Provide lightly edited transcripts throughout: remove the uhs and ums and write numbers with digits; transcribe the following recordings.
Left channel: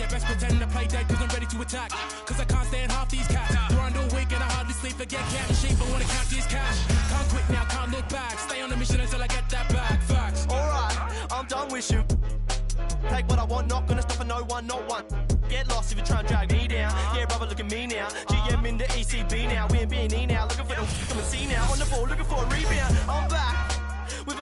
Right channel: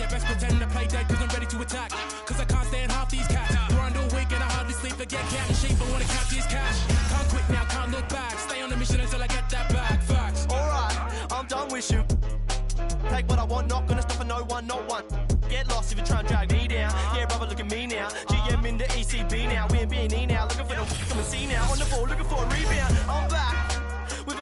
your best pretend to play dead cause I'm ready to attack. Cause I can't stand half these cats. Grind all week and I hardly sleep. Forget cat and sheep, I wanna count this cash. Can't quit now, can't look back. Stay on the mission until I get that back. Facts. Alright, I'm done with you. Take what I want, not gonna stop for no one, not one. Get lost if you try and drag me down. Yeah, brother, look at me now. GM in the ECB now. We're B&E now. Looking for the come and see now. On the ball, looking for a rebound. I'm back. With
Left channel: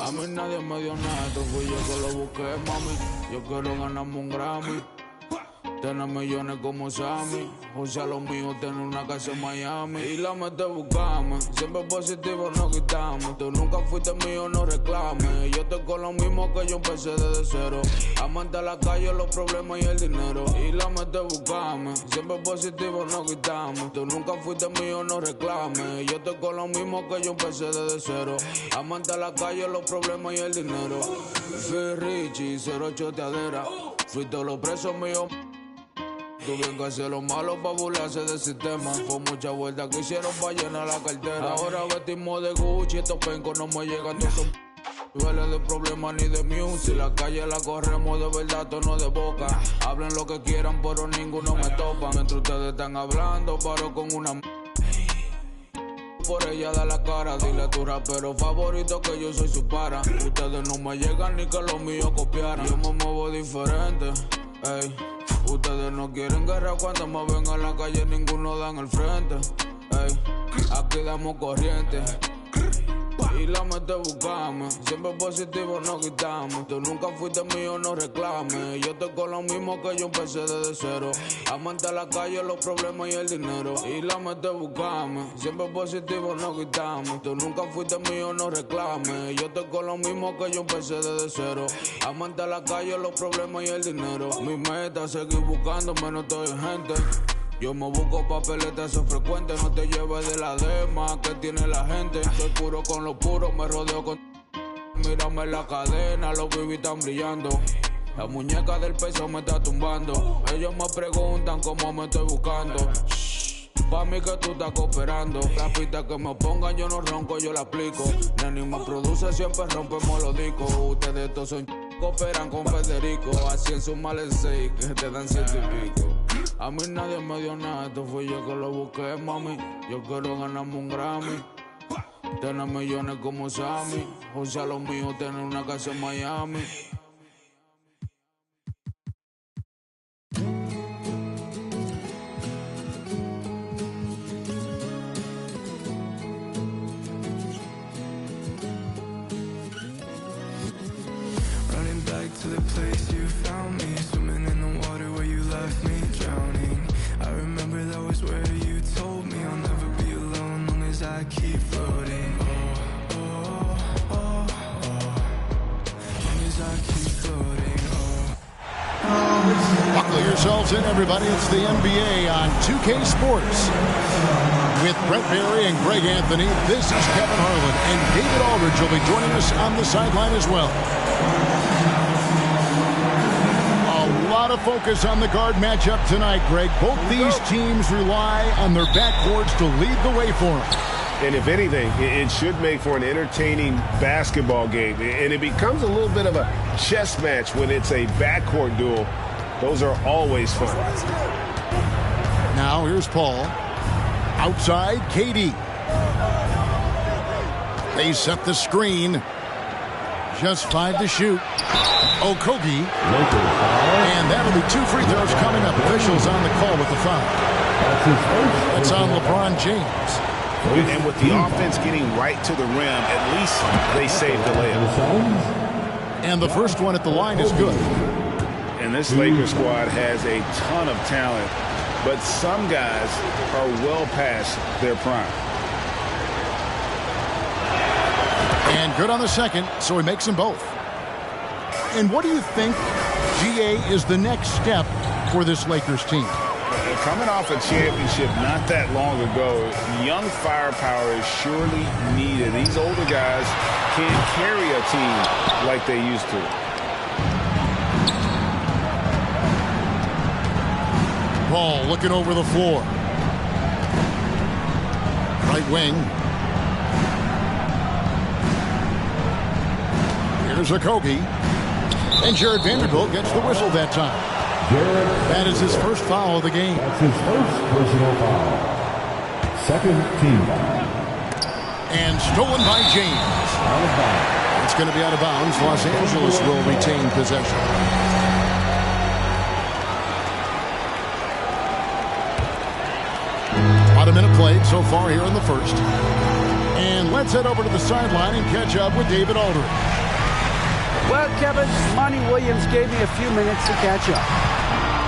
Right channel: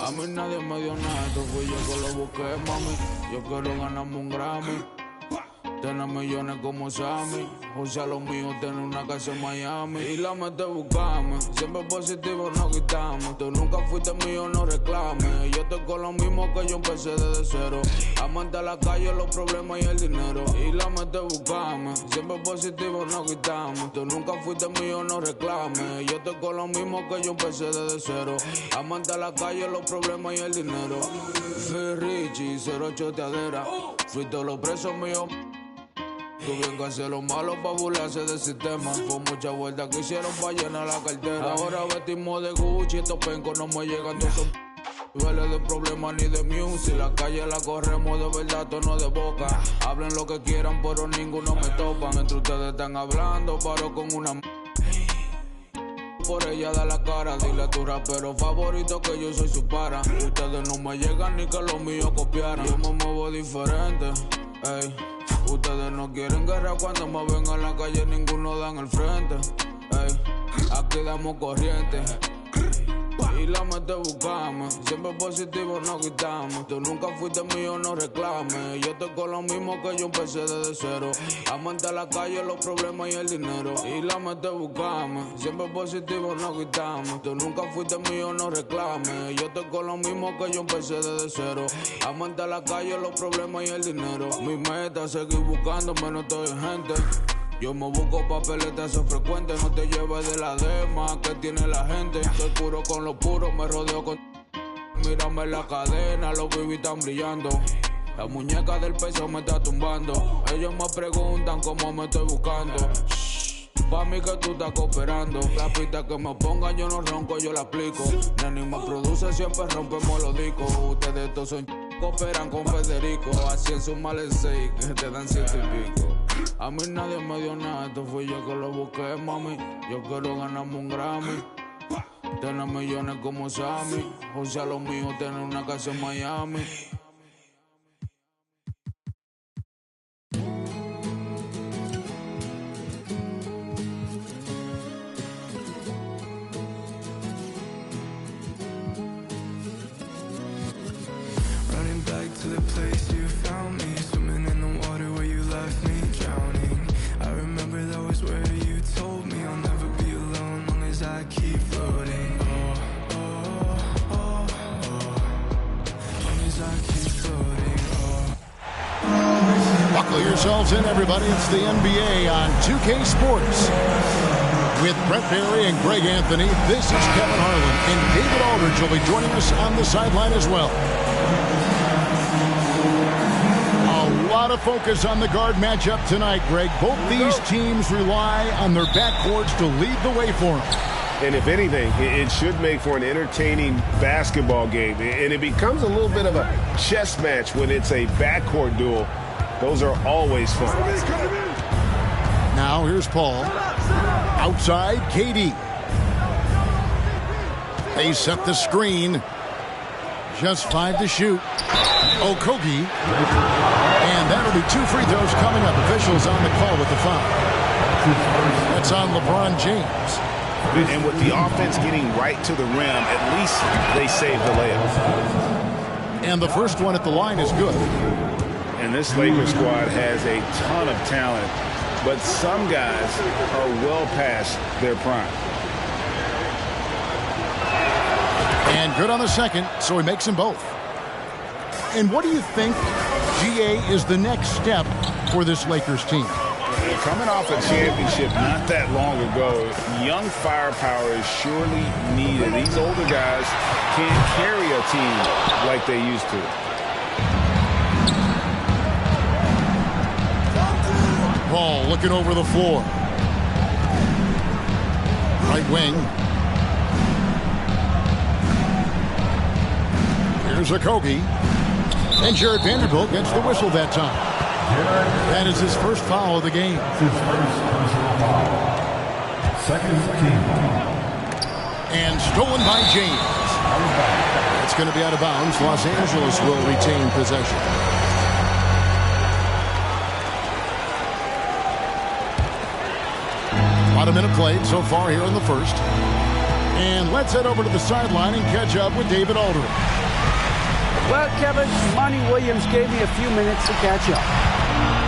A mí nadie me dio nada, esto fui yo que lo busqué, mami. Yo quiero ganarme un Grammy, tener millones como Sammy. O sea, lo mío, tener una casa en Miami. Y la mete buscame, siempre positivo no quitamos. Tú nunca fuiste mío, no reclames. Yo estoy con lo mismo que yo empecé desde cero. Amante a la calle, los problemas y el dinero. Y la mete buscame, siempre positivo no quitamos. Tú nunca fuiste mío, no reclames. Yo estoy con lo mismo que yo empecé desde cero. Amante a la calle, los problemas y el dinero. Fui Richie, 08 teadera. Fui todos los presos míos. Tuvieron que hacer lo malo pa' burlarse del sistema. Fue mucha vuelta que hicieron pa' llenar la cartera. Ahora vestimos de Gucci, estos pencos no me llegan. Todos son niveles de problemas ni de music. La calle la corremos de verdad, tono de boca. Hablen lo que quieran, pero ninguno me topa. Mientras ustedes están hablando, paro con una por ella da la cara. Dile a tu rapero favorito que yo soy su para. Ustedes no me llegan ni que los míos copiaran. Yo me muevo diferente, ey. Ustedes no quieren guerra cuando me ven a la calle, ninguno dan el frente. Ey, aquí damos corriente. Y la mete buscame, siempre positivo no quitamos. Tú nunca fuiste mío, no reclames. Yo estoy con lo mismo que yo empecé desde cero. Amante a la calle, los problemas y el dinero. Y la mete buscame, siempre positivo no quitamos. Tú nunca fuiste mío, no reclames. Yo estoy con lo mismo que yo empecé desde cero. Amante a la calle, los problemas y el dinero. Mi meta es seguir buscándome, no estoy gente. Yo me busco papeletas, eso es frecuente. No te lleves de la dema que tiene la gente. Soy puro con lo puro, me rodeo con... Mírame la cadena, los bibis están brillando. La muñeca del peso me está tumbando. Ellos me preguntan cómo me estoy buscando. Pa' mí que tú estás cooperando. La pista que me pongan yo no ronco, yo la aplico. Neni me produce, siempre rompemos los discos. Ustedes todos son cooperan con Federico. Así en su males 6 que te dan 7 y pico. A mí nadie me dio nada, esto fui yo que lo busqué, mami. Yo quiero ganarme un Grammy, tener millones como Sammy. O sea, lo mío, tener una casa en Miami. Running back to the place you found me, swimming in the water where you left me drowning. I remember that was where you told me I'll never be alone long as I keep floating. Oh, oh, oh, oh, long as I keep floating. Oh. Buckle yourselves in, everybody. It's the NBA on 2K Sports. With Brett Barry and Greg Anthony, this is Kevin Harlan, and David Aldridge will be joining us on the sideline as well. A lot of focus on the guard matchup tonight, Greg. Both these teams rely on their backcourts to lead the way for them. And if anything, it should make for an entertaining basketball game. And it becomes a little bit of a chess match when it's a backcourt duel. Those are always fun. Now here's Paul. Outside, KD. They set the screen. Just 5 to shoot. Okogie. And that'll be 2 free throws coming up. Officials on the call with the foul. That's on LeBron James. And with the offense getting right to the rim, at least they saved the layup. And the first one at the line is good. And this Lakers squad has a ton of talent, but some guys are well past their prime. And good on the second, so he makes them both. And what do you think, GA, is the next step for this Lakers team? Coming off a championship not that long ago, young firepower is surely needed. These older guys can't carry a team like they used to. Paul looking over the floor. Right wing. Here's Okogie. And Jared Vanderbilt gets the whistle that time. That is his first foul of the game. That's his first personal foul. Second team foul. And stolen by James. Out of bounds. It's going to be out of bounds. Los Angeles will retain possession. About a minute played so far here in the first. And let's head over to the sideline and catch up with David Aldridge. Well, Kevin, Monty Williams gave me a few minutes to catch up.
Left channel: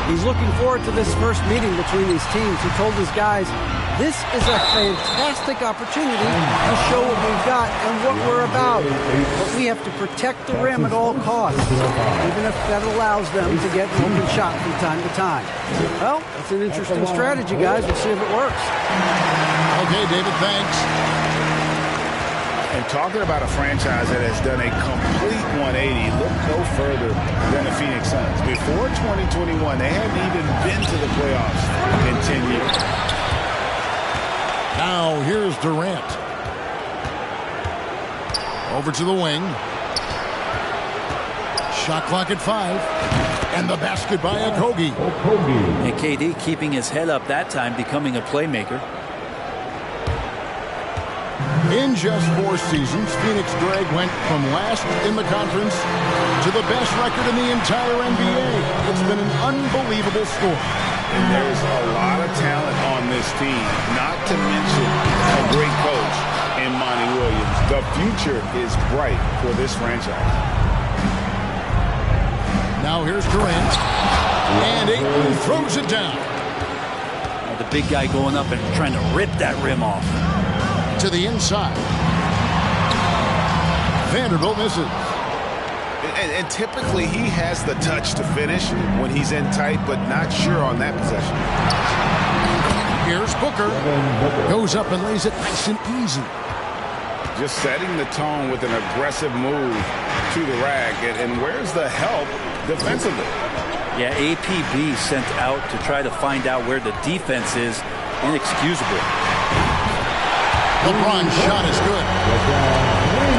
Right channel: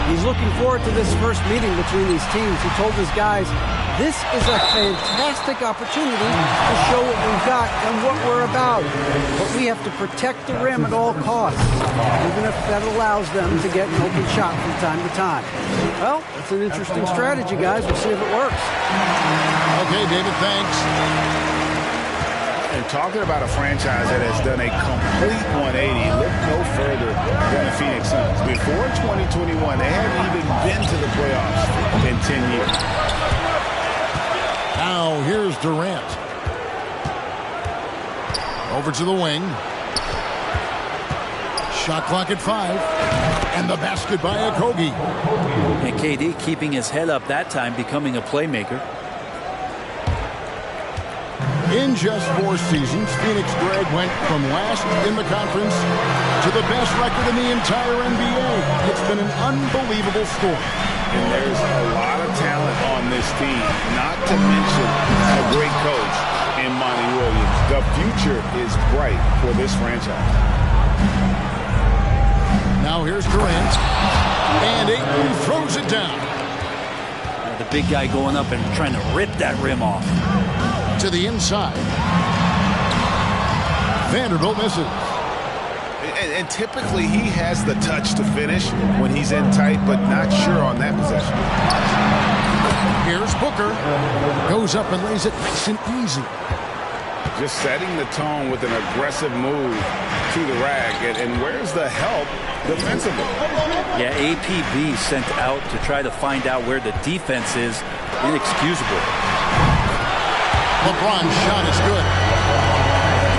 He's looking forward to this first meeting between these teams. He told his guys, this is a fantastic opportunity to show what we've got and what we're about. But we have to protect the rim at all costs, even if that allows them to get an open shot from time to time. Well, that's an interesting strategy, guys. We'll see if it works. Okay, David, thanks. And talking about a franchise that has done a complete 180, look no further than the Phoenix Suns. Before 2021, they hadn't even been to the playoffs in 10 years. Now here's Durant. Over to the wing. Shot clock at 5. And the basket by Okogie. And KD keeping his head up that time, becoming a playmaker. In just 4 seasons, Phoenix Greg went from last in the conference to the best record in the entire NBA. It's been an unbelievable story. And there's a lot of talent on this team, not to mention a great coach in Monty Williams. The future is bright for this franchise. Now here's Durant. And Ayton throws it down. The big guy going up and trying to rip that rim off. To the inside. Vanderbilt misses. And typically he has the touch to finish when he's in tight, but not sure on that possession. Here's Booker. Goes up and lays it nice and easy. Just setting the tone with an aggressive move to the rack. And where's the help defensively? Yeah, APB sent out to try to find out where the defense is. Inexcusable. LeBron's shot is good.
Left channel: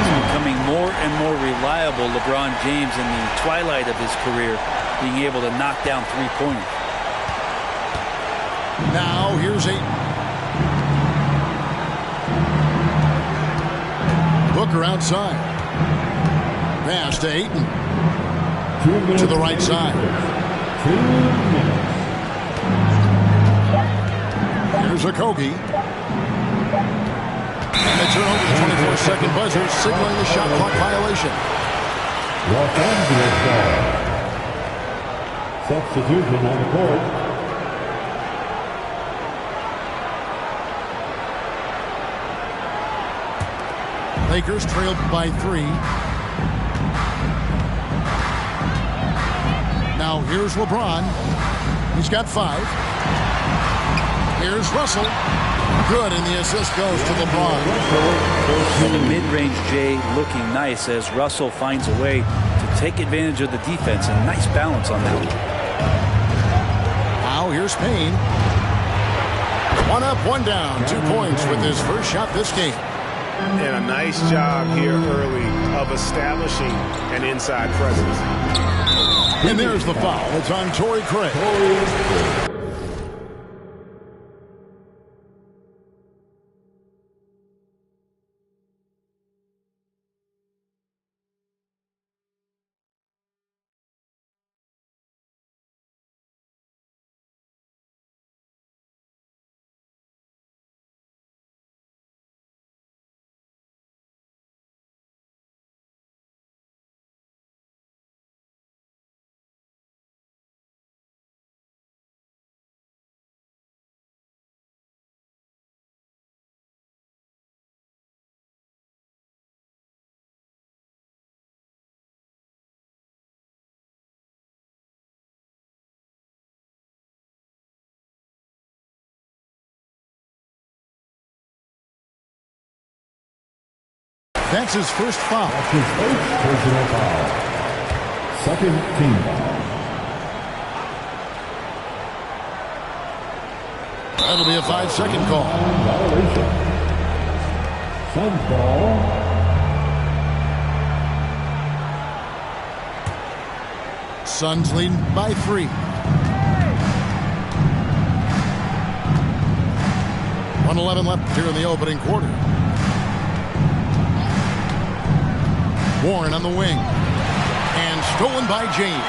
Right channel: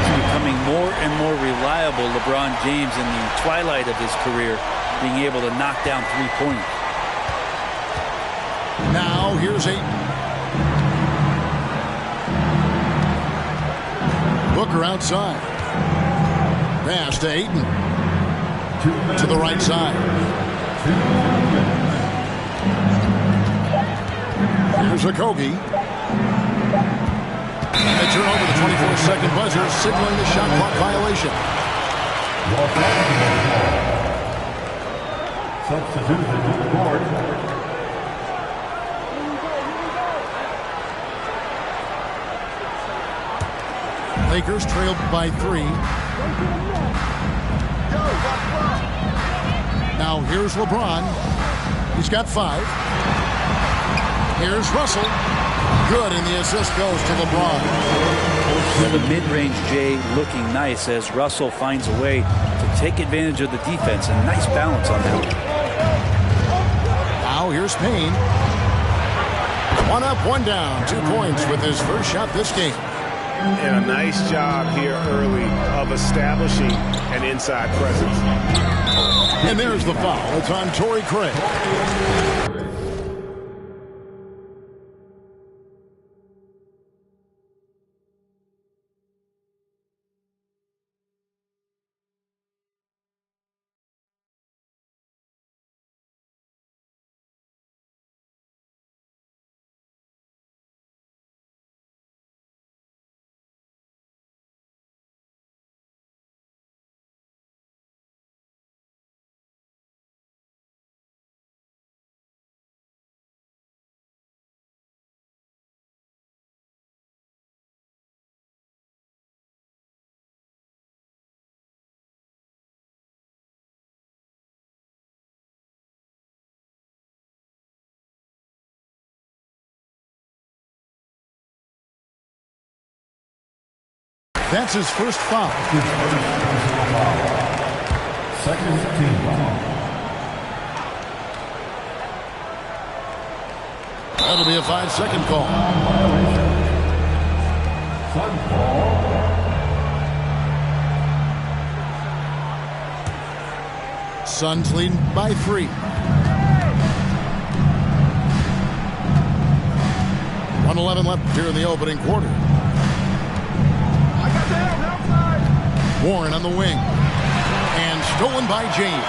He's becoming more and more reliable, LeBron James, in the twilight of his career, being able to knock down three-pointers. Now here's Ayton. Booker outside. Pass to Ayton. To the right side. 2 minutes. Here's Okogie. And they turn over the 24-second buzzer, signaling the shot clock violation. Los Angeles ball. Substitution on the court. Lakers trailed by 3. Now here's LeBron. He's got 5. Here's Russell. Good, and the assist goes to LeBron. Well, the mid-range Jay looking nice as Russell finds a way to take advantage of the defense, and nice balance on that one. Now here's Payne. 1 up, 1 down. 2 points with his first shot this game. And a nice job here early of establishing an inside presence. And there's the foul. It's on Torrey Craig. That's his first foul. That's his first personal foul. Second team foul. That'll be a 5-second call. Violation. Suns ball. Suns leading by 3. 1:11 left here in the opening quarter. Warren on the wing. And stolen by James.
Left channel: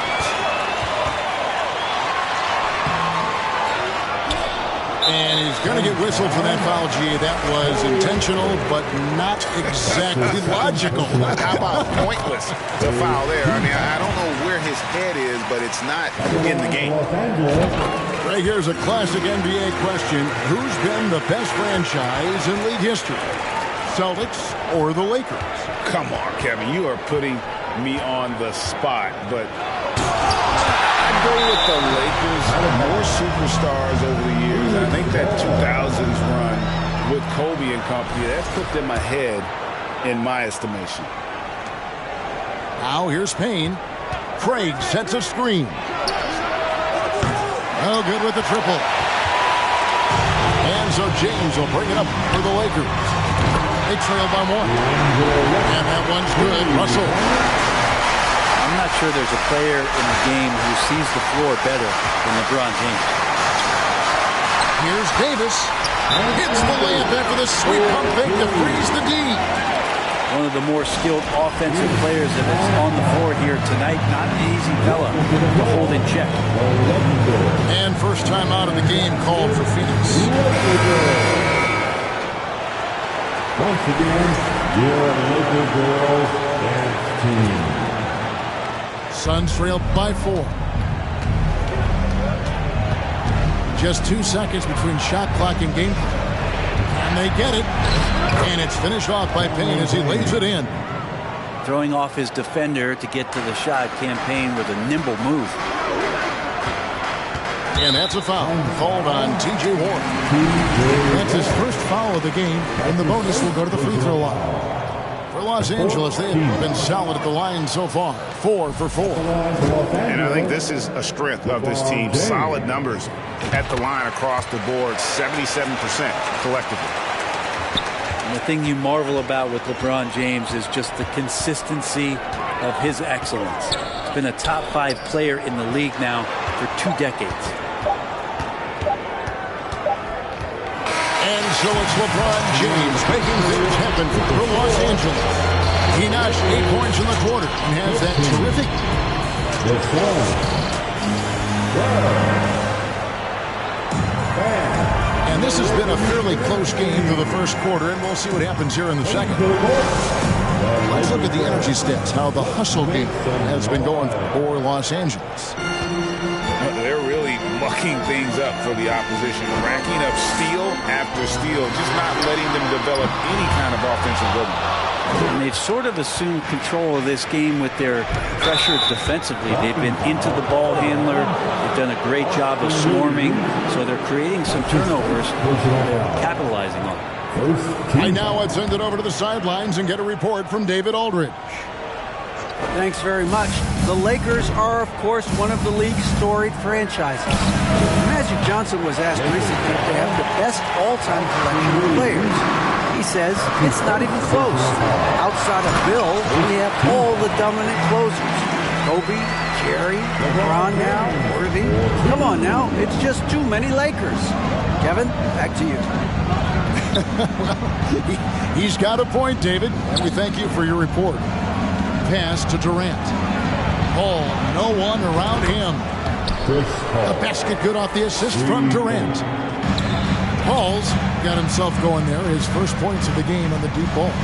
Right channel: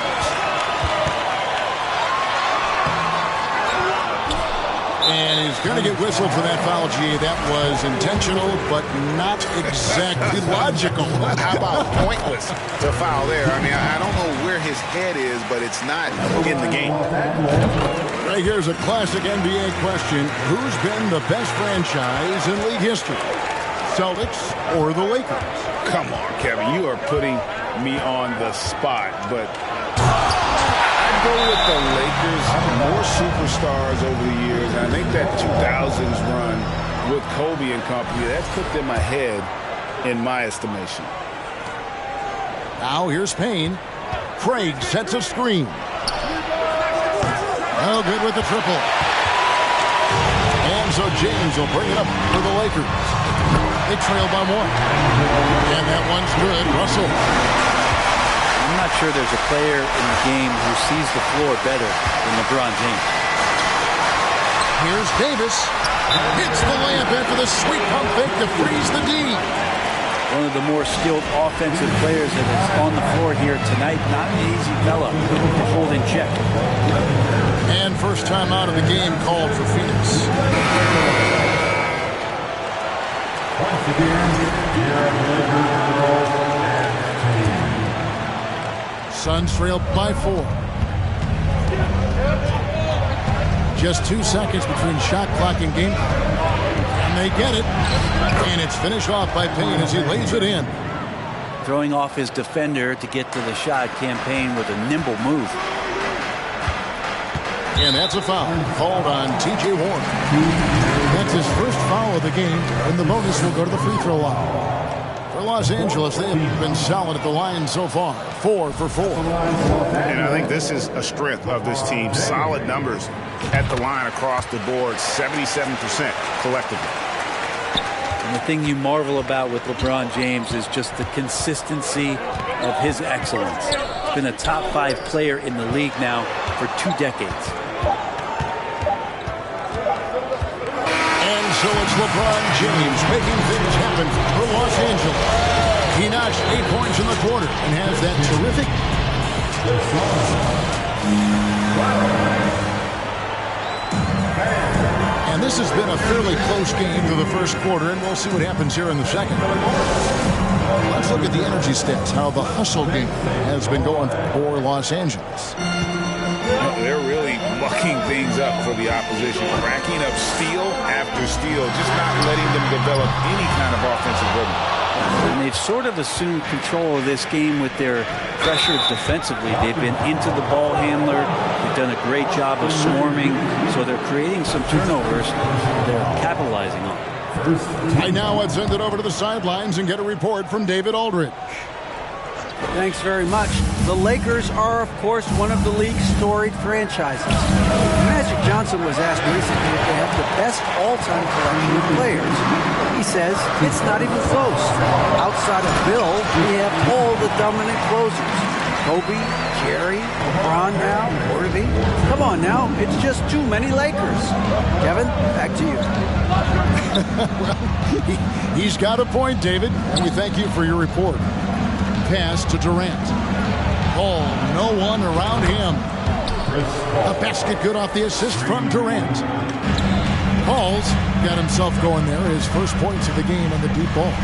And he's going to get whistled for that foul, G. That was intentional, but not exactly logical. How about pointless to foul there? I mean, I don't know where his head is, but it's not in the game. Right here's a classic NBA question. Who's been the best franchise in league history? Celtics or the Lakers? Come on, Kevin. You are putting me on the spot, but I'd go with the Lakers. More superstars over the years. And I think that 2000s run with Kobe and company, that's put them ahead in my estimation. Now here's Payne. Craig sets a screen. Oh, good with the triple. And so James will bring it up for the Lakers. They trail by 1. And that one's good. Russell. I'm not sure there's a player in the game who sees the floor better than LeBron James. Here's Davis. Hits the layup after the sweet pump fake to freeze the D. One of the more skilled offensive players that is on the floor here tonight. Not an easy fella to hold in check. And first time out of the game called for Phoenix. Once again, your Laker girls and team. Suns trail by 4. Just 2 seconds between shot clock and game clock. Can they get it? And it's finished off by Payne as he lays it in. Throwing off his defender to get to the shot. Campaign with a nimble move. And that's a foul called on T.J. Warren. That's his first foul of the game, and the bonus will go to the free throw line. For Los Angeles, they have been solid at the line so far, 4 for 4. And I think this is a strength of this team. Solid numbers at the line across the board, 77% collectively. And the thing you marvel about with LeBron James is just the consistency of his excellence. He's been a top 5 player in the league now for 2 decades. And so it's LeBron James making things happen for Los Angeles. He notched 8 points in the quarter and has that terrific. And this has been a fairly close game through the first quarter, and we'll see what happens here in the second. Let's look at the energy stats, how the hustle game has been going for Los Angeles. They're really mucking things up for the opposition, racking up steal after steal, just not letting them develop any kind of offensive rhythm. And they've sort of assumed control of this game with their pressure defensively. They've been into the ball handler. They've done a great job of swarming, so they're creating some turnovers they're capitalizing on. Right now, let's send it over to the sidelines and get a report from David Aldridge. Thanks very much. The Lakers are, of course, one of the league's storied franchises. Magic Johnson was asked recently if they have the best all-time collection of players. He says it's not even close. Outside of Bill, we have all the dominant closers. Kobe, Jerry, LeBron now, Worthy. Come on now, it's just too many Lakers. Kevin, back to you. Well, he's got a point, David, and we thank you for your report. Pass to Durant. Paul, no one around him. The basket good off the assist from Durant. Paul's got himself going there, his first points of the game on the deep ball.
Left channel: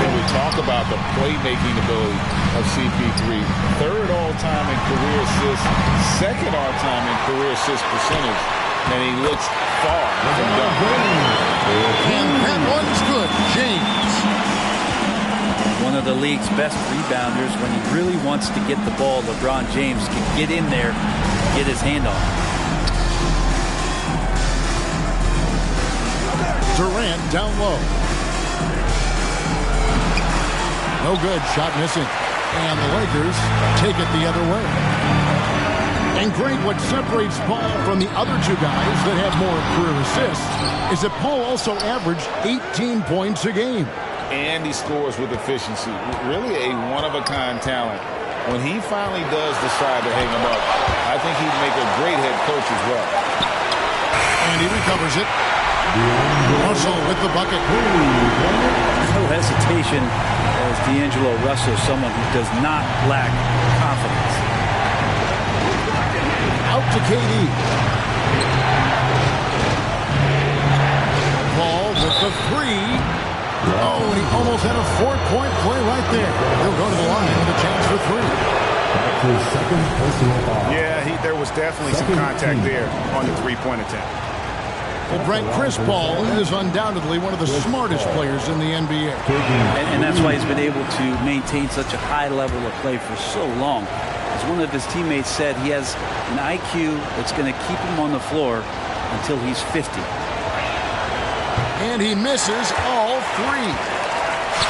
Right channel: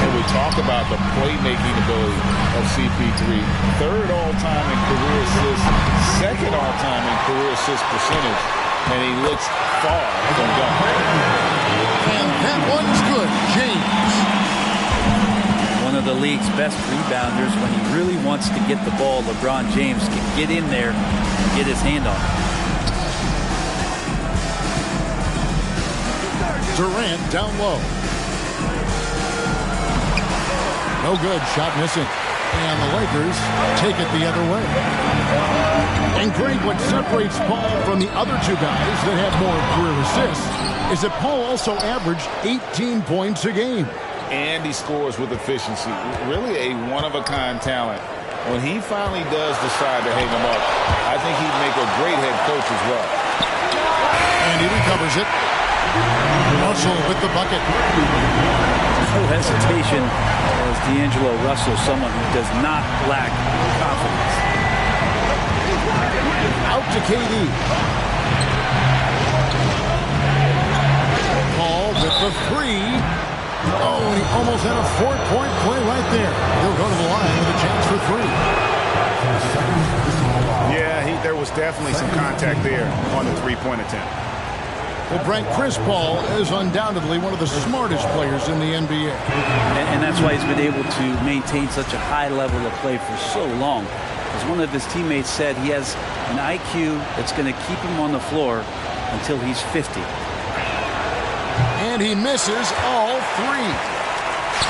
And we talk about the playmaking ability of CP3. Third all-time in career assists, second all-time in career assist percentage, and he looks far from done. And that one's good, James. One of the league's best rebounders. When he really wants to get the ball, LeBron James can get in there and get his hand on it. Durant down low. No good, shot missing. And the Lakers take it the other way. And Greg, what separates Paul from the other two guys that have more career assists is that Paul also averaged 18 points a game. And he scores with efficiency. Really a one-of-a-kind talent. When he finally does decide to hang him up, I think he'd make a great head coach as well. And he recovers it. Russell with the bucket. No hesitation as D'Angelo Russell, someone who does not lack confidence. Out to KD. Paul with the three. Oh, and he almost had a 4-point play right there. He'll go to the line with a chance for three. Yeah, there was definitely some contact there on the three-point attempt. Well, Brent, Chris Paul is undoubtedly one of the smartest players in the NBA. And that's why he's been able to maintain such a high level of play for so long. As one of his teammates said, he has an IQ that's going to keep him on the floor until he's 50. And he misses all three.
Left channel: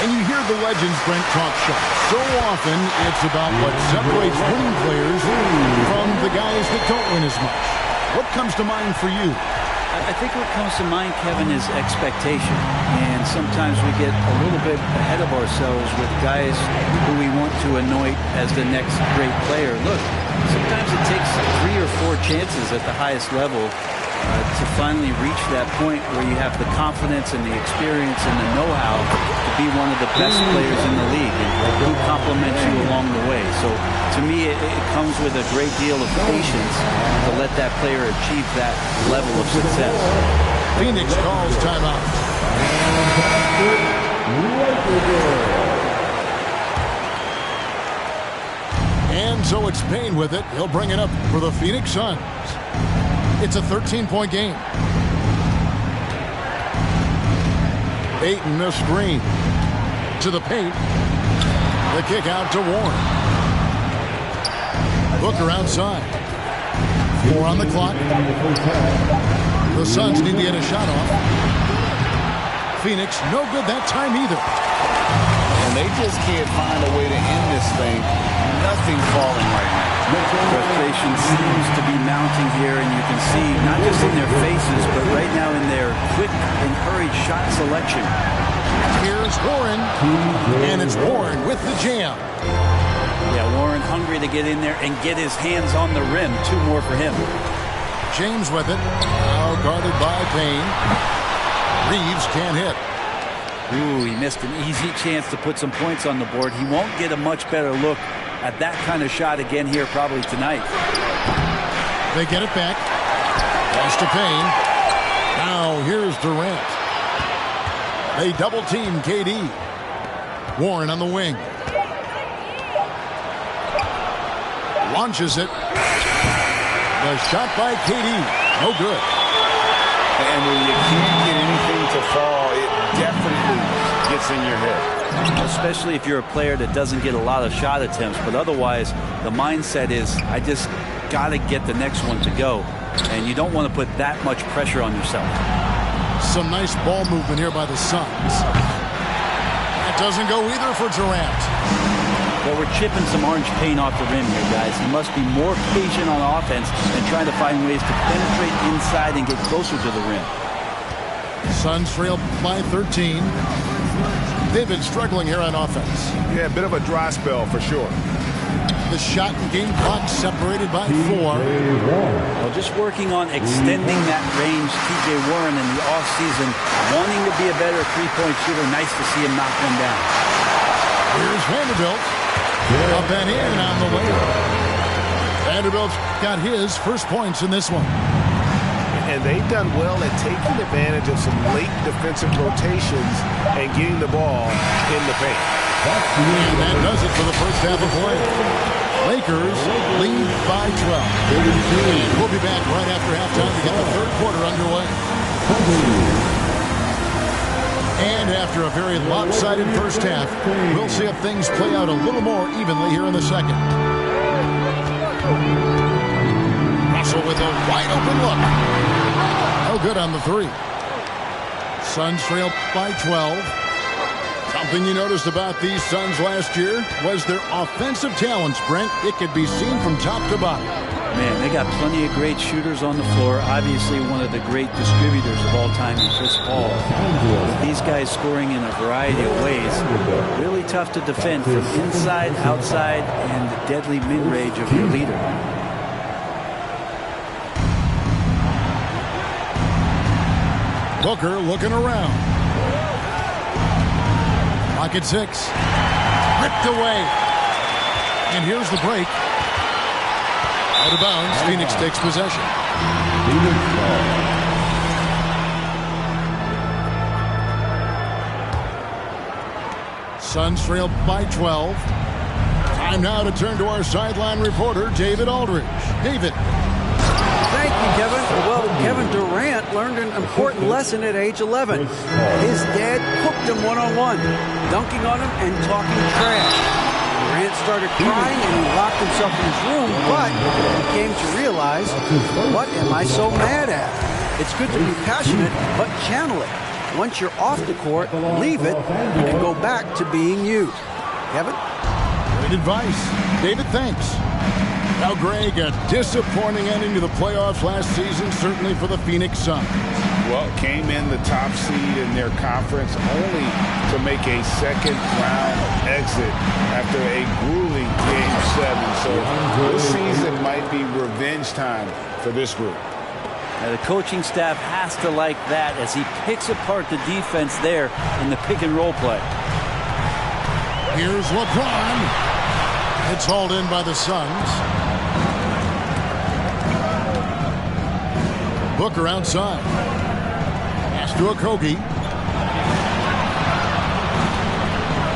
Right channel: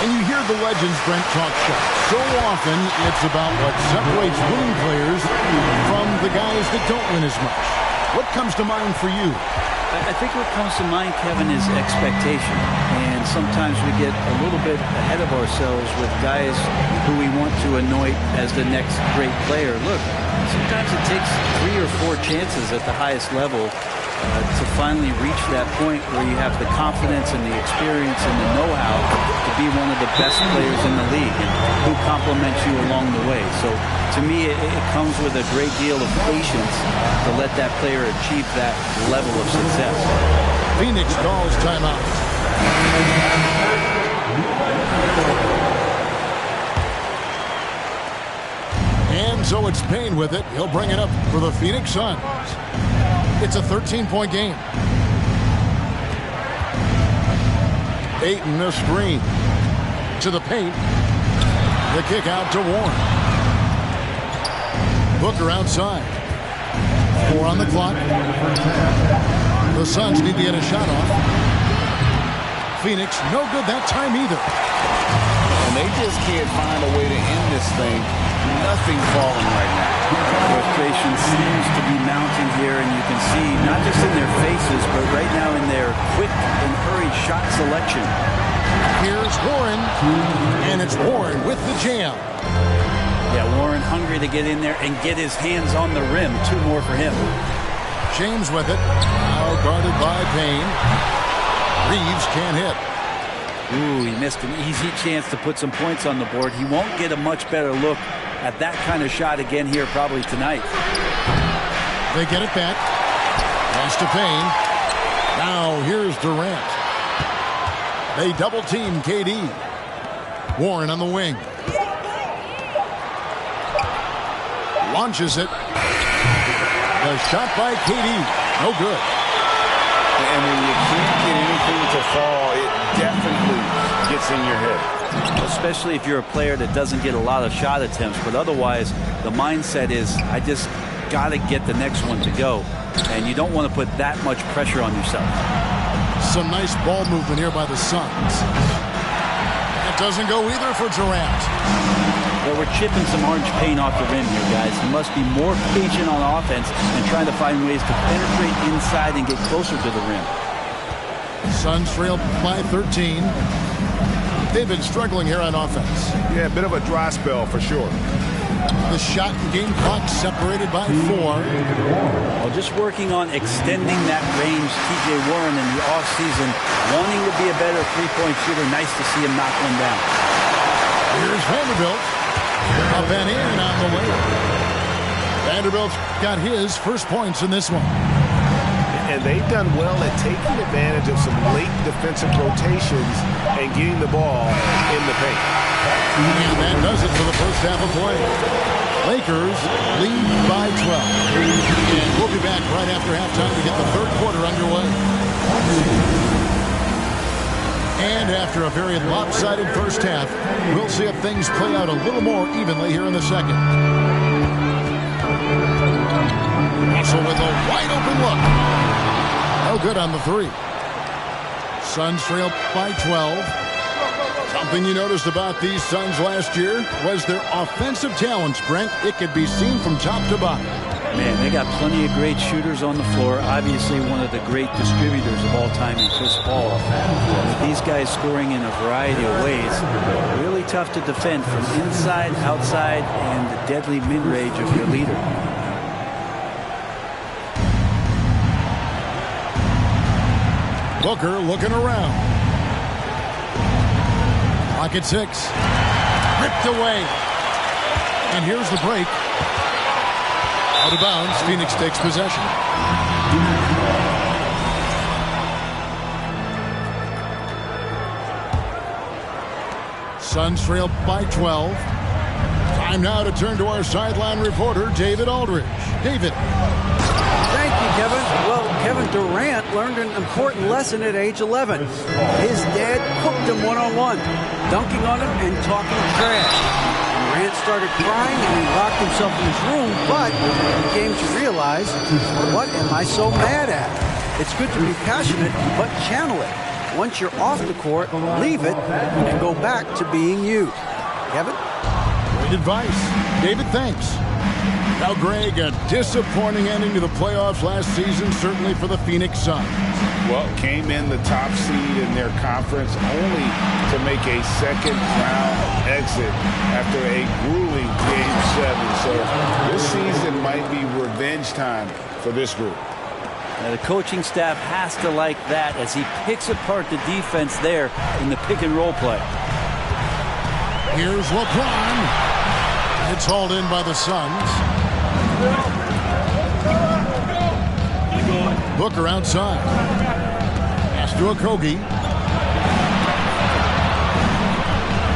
And you hear the legends, Brent, talk shots. So often, it's about what separates winning players from the guys that don't win as much. What comes to mind for you? I think what comes to mind, Kevin, is expectation. And sometimes we get a little bit ahead of ourselves with guys who we want to anoint as the next great player. Look, sometimes it takes 3 or 4 chances at the highest level to finally reach that point where you have the confidence and the experience and the know-how to be one of the best players in the league and who complements you along the way. So to me, it comes with a great deal of patience to let that player achieve that level of success. Phoenix calls timeout. And so it's Payne with it. He'll bring it up for the Phoenix Suns. It's a 13-point game. Ayton a screen. To the paint. The kick out to Warren. Booker outside. 4 on the clock. The Suns need to get a shot off. Phoenix, no good that time either. And they just can't find a way to end this thing. Nothing falling right now. Frustration seems to be mounting here, and you can see not just in their faces, but right now in their quick and hurried shot selection. Here's Warren, and it's Warren with the jam. Yeah, Warren hungry to get in there and get his hands on the rim. 2 more for him. James with it. Now guarded by Payne. Reeves can't hit. Ooh, he missed an easy chance to put some points on the board. He won't get a much better look at that kind of shot again here probably tonight. They get it back. Pass to Payne. Now here's Durant. They double team KD. Warren on the wing. Launches it. The shot by KD. No good. And when you can't get anything to fall, it definitely gets in your head. Especially if you're a player that doesn't get a lot of shot attempts. But otherwise, the mindset is, I just got to get the next one to go. And you don't want to put that much pressure on yourself. Some nice ball movement here by the Suns. That doesn't go either for Durant. But we're chipping some orange paint off the rim here, guys. He must be more patient on offense and trying to find ways to penetrate inside and get closer to the rim. Suns trail by 13. They've been struggling here on offense. Yeah, a bit of a dry spell for sure. the shot and game clock separated by 4. Well, just working on extending that range. TJ Warren in the offseason wanting to be a better three-point shooter. Nice to see him knock one down. Here's Vanderbilt. Up and in on the layup. Vanderbilt's got his first points in this one. And they've done well at taking advantage of some late defensive rotations and getting the ball in the paint. And that does it for the first half of play. Lakers lead by 12. And we'll be back right after halftime to get the third quarter underway. And after a very lopsided first half, we'll see if things play out a little more evenly here in the second. Russell with a wide open look. No good on the three. Suns trail by 12. Something you noticed about these Suns last year was their offensive talents, Brent. It could be seen from top to bottom. Man, they got plenty of great shooters on the floor. Obviously, one of the great distributors of all time in Chris Paul. With these guys scoring in a variety of ways, really tough to defend from inside, outside, and the deadly mid-range of your leader. Booker looking around. Clock at 6. Ripped away. And here's the break. Out of bounds. Phoenix takes possession. Suns trail by 12. Time now to turn to our sideline reporter, David Aldridge. David. Thank you, Kevin. Well, Kevin Durant learned an important lesson at age 11. His dad cooked him one-on-one, dunking on him and talking trash. Durant started crying and he locked himself in his room, but he came to realize, what am I so mad at? It's good to be passionate, but channel it. Once you're off the court, leave it and go back to being you. Kevin? Great advice. David, thanks. Now, Greg, a disappointing ending to the playoffs last season, certainly for the Phoenix Suns. Well, came in the top seed in their conference only to make a second-round exit after a grueling Game 7. So this season might be revenge time for this group. Now, the coaching staff has to like that as he picks apart the defense there in the pick-and-roll play. Here's LeBron. It's hauled in by the Suns. Booker outside. Pass to Okogie.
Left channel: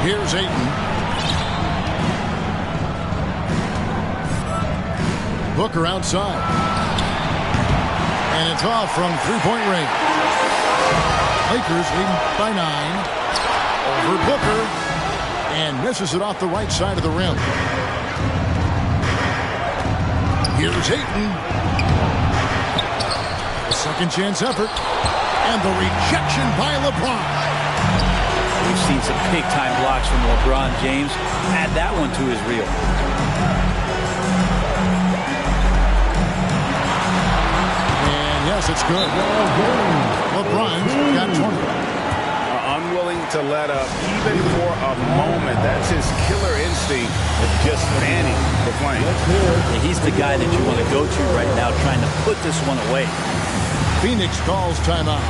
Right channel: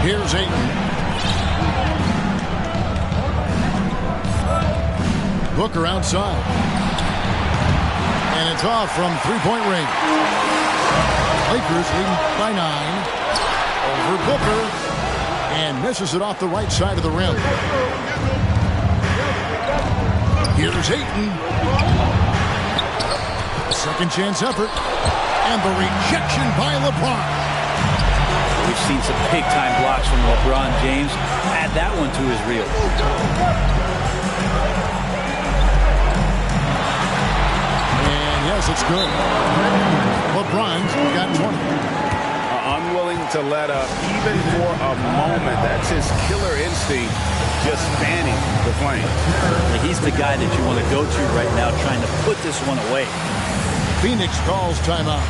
Here's Ayton. Booker outside. And it's off from three-point range. Lakers leading by 9. Over Booker. And misses it off the right side of the rim. Here's Ayton. A second chance effort. And the rejection by LeBron. We've seen some big-time blocks from LeBron James. Add that one to his reel. And yes, it's good. LeBron's got 20. Unwilling to let up even for a moment. That's his killer instinct, just fanning the flame. He's the guy that you want to go to right now, trying to put this one away. Phoenix calls timeout.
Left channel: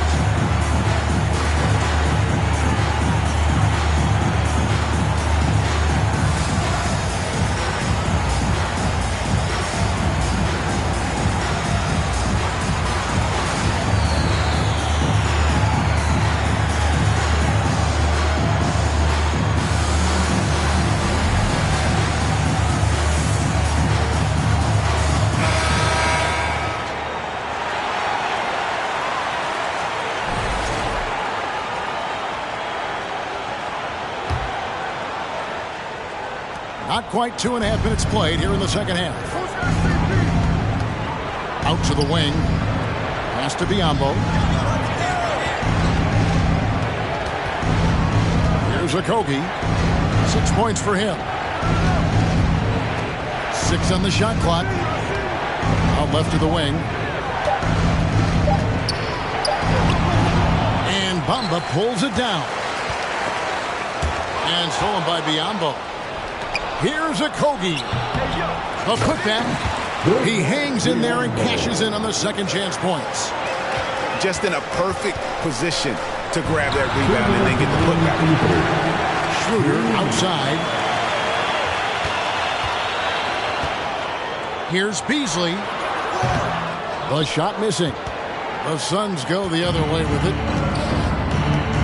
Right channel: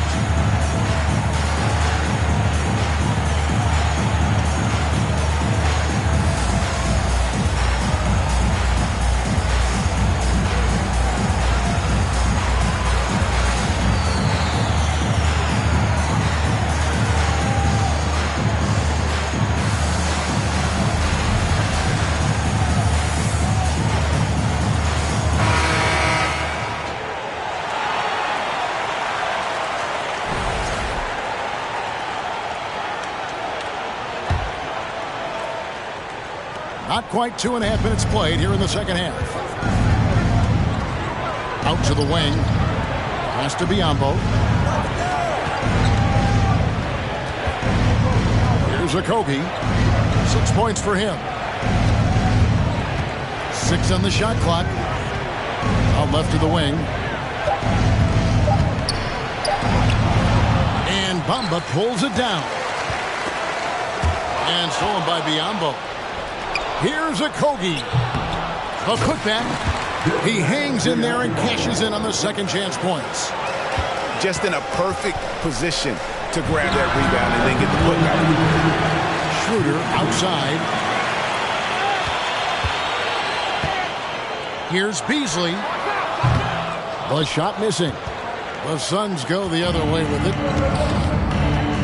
Not quite 2.5 minutes played here in the second half. Out to the wing. Pass to Biyombo. Here's Okogie. 6 points for him. 6 on the shot clock. Out left to the wing. And Bamba pulls it down. And stolen by Biyombo. Here's Okogie. A putback. He hangs in there and cashes in on the second chance points. Just in a perfect position to grab that rebound and then get the putback. Schroeder outside. Here's Beasley. The shot missing. The Suns go the other way with it.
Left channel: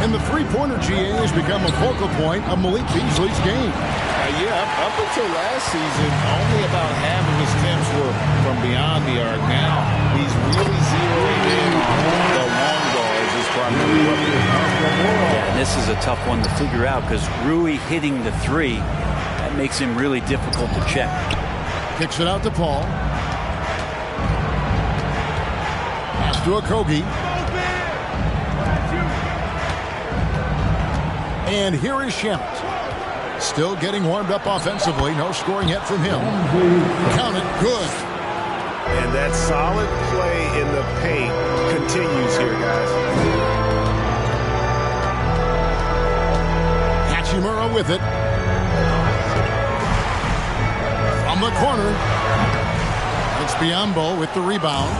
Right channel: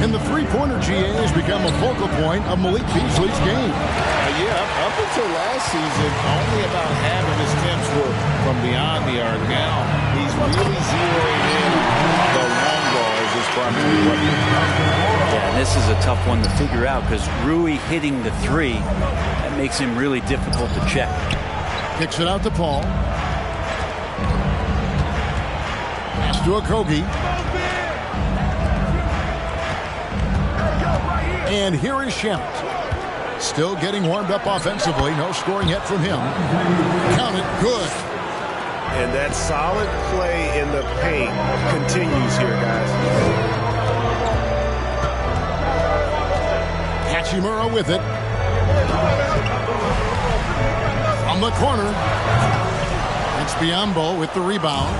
And the three-pointer, GA, has become a focal point of Malik Beasley's game. Up until last season, only about half of his attempts were from beyond the arc. Now he's really zeroing in on the long ball as his primary weapon. Yeah, and this is a tough one to figure out because Rui hitting the three, that makes him really difficult to check. Kicks it out to Paul. Pass to Okogie. And here is Shamet. Still getting warmed up offensively. No scoring yet from him. Count it. Good. And that solid play in the paint continues here, guys. Hachimura with it. From the corner. It's Biyombo with the rebound.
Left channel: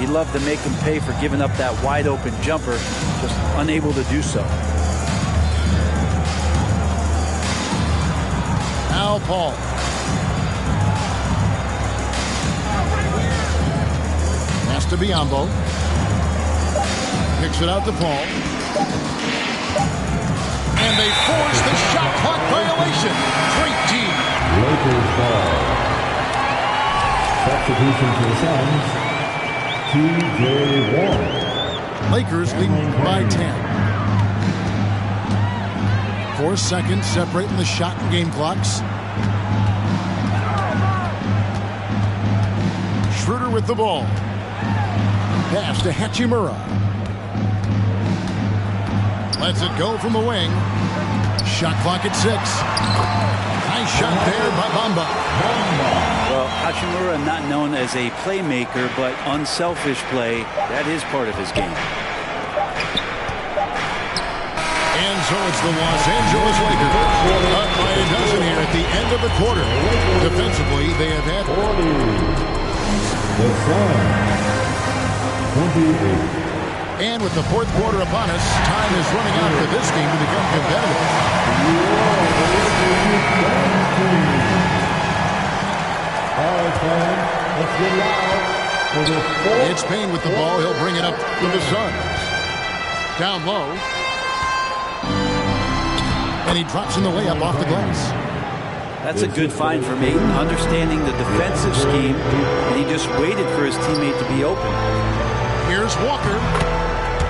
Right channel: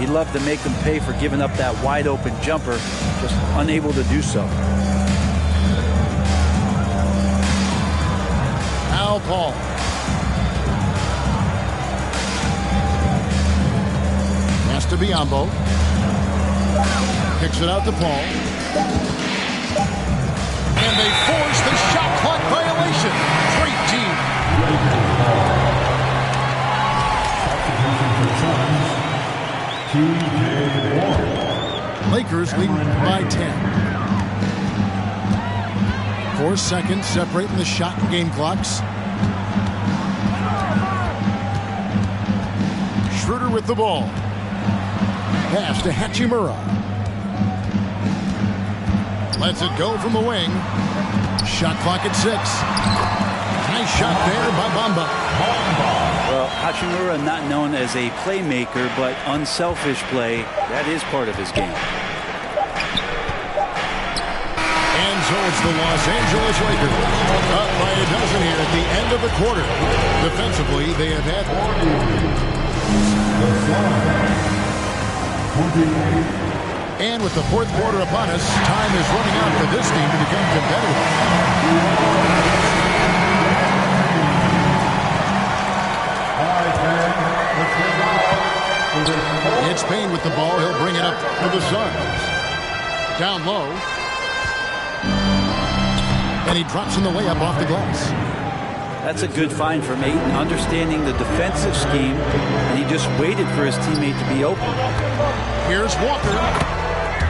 He'd love to make them pay for giving up that wide open jumper. Just unable to do so. Now Paul. Pass to Biyombo. Kicks it out to Paul. And they force the shot clock violation. Great team. Lakers ball. Substitution for the Suns. T.J. Warren. Lakers leading by 10. 4 seconds separating the shot and game clocks. Schroeder with the ball. Pass to Hachimura. Lets it go from the wing. Shot clock at 6. Nice shot there by Bamba. Well, Hachimura not known as a playmaker, but unselfish play. That is part of his game. And so it's the Los Angeles Lakers up by a dozen here at the end of the quarter. Defensively, they have had... The Suns. 28. And with the fourth quarter upon us, time is running out for this team to become competitive. It's Payne with the ball. He'll bring it up for the Suns. Down low. And he drops in the layup off the glass. That's a good find from Ayton, understanding the defensive scheme, and he just waited for his teammate to be open. Here's Walker.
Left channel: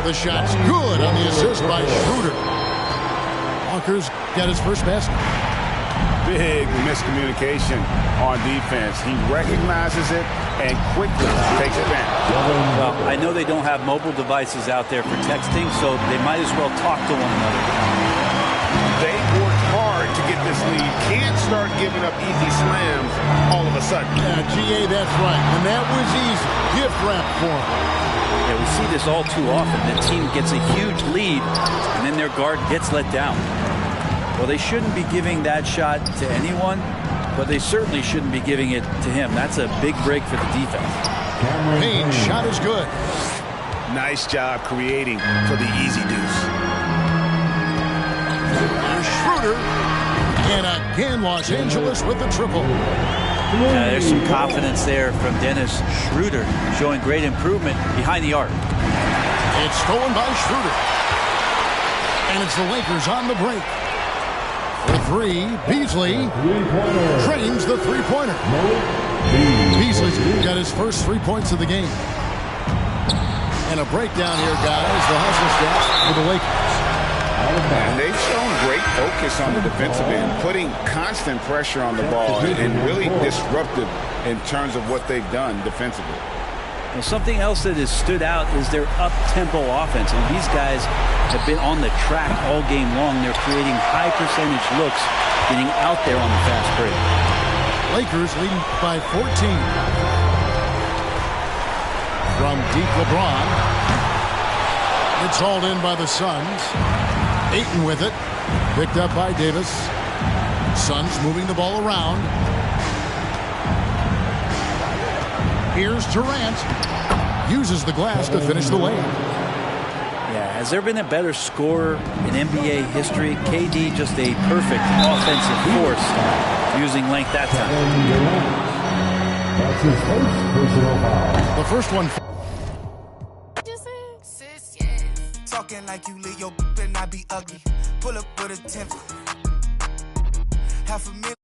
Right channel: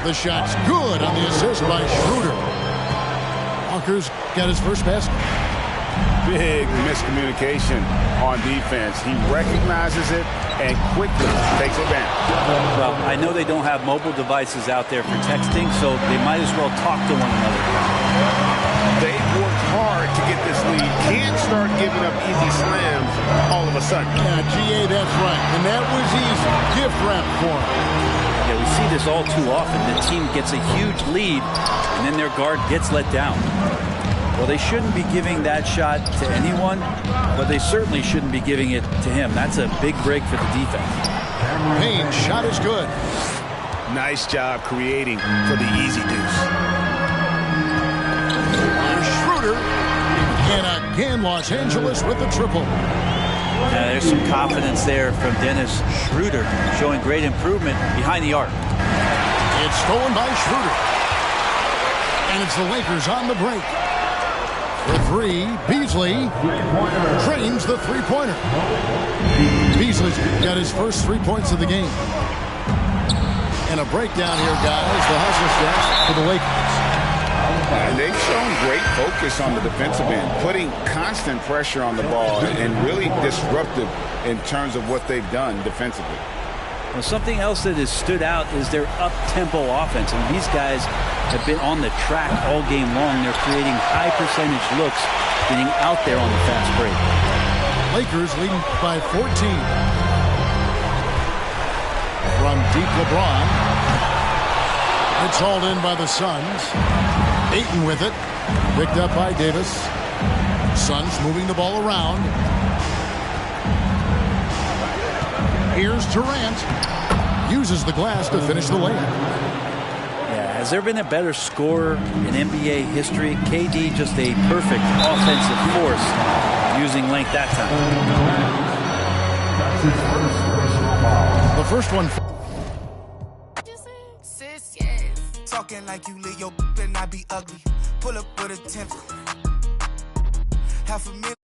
The shot's good on the assist by Schroeder. Walker's got his first basket. Big miscommunication on defense. He recognizes it and quickly takes advantage. Well, I know they don't have mobile devices out there for texting, so they might as well talk to one another. They've worked hard to get this lead. Can't start giving up easy slams all of a sudden. Yeah, GA, that's right. And that was easy. Gift wrap for him. Yeah, we see this all too often. The team gets a huge lead, and then their guard gets let down. Well, they shouldn't be giving that shot to anyone, but they certainly shouldn't be giving it to him. That's a big break for the defense. Payne's shot is good. Nice job creating for the easy deuce. Schroeder. And again, Los Angeles with the triple. There's some confidence there from Dennis Schroeder, showing great improvement behind the arc. It's stolen by Schroeder. And it's the Lakers on the break. For three, Beasley drains the three-pointer. Beasley's got his first 3 points of the game. And a breakdown here, guys. The hustle stats for the Lakers. And they've shown great focus on the defensive end, putting constant pressure on the ball and really disruptive in terms of what they've done defensively. Well, something else that has stood out is their up-tempo offense. And these guys have been on the track all game long. They're creating high-percentage looks, getting out there on the fast break. Lakers leading by 14. From deep LeBron. It's hauled in by the Suns. Ayton with it. Picked up by Davis. Suns moving the ball around. Here's Durant. Uses the glass to finish the layup. Yeah, has there been a better scorer in NBA history? KD just a perfect offensive force using length that time. That's his first personal foul. The first one. Talking like you lit, your better not be ugly. Pull up with a 10. $500,000.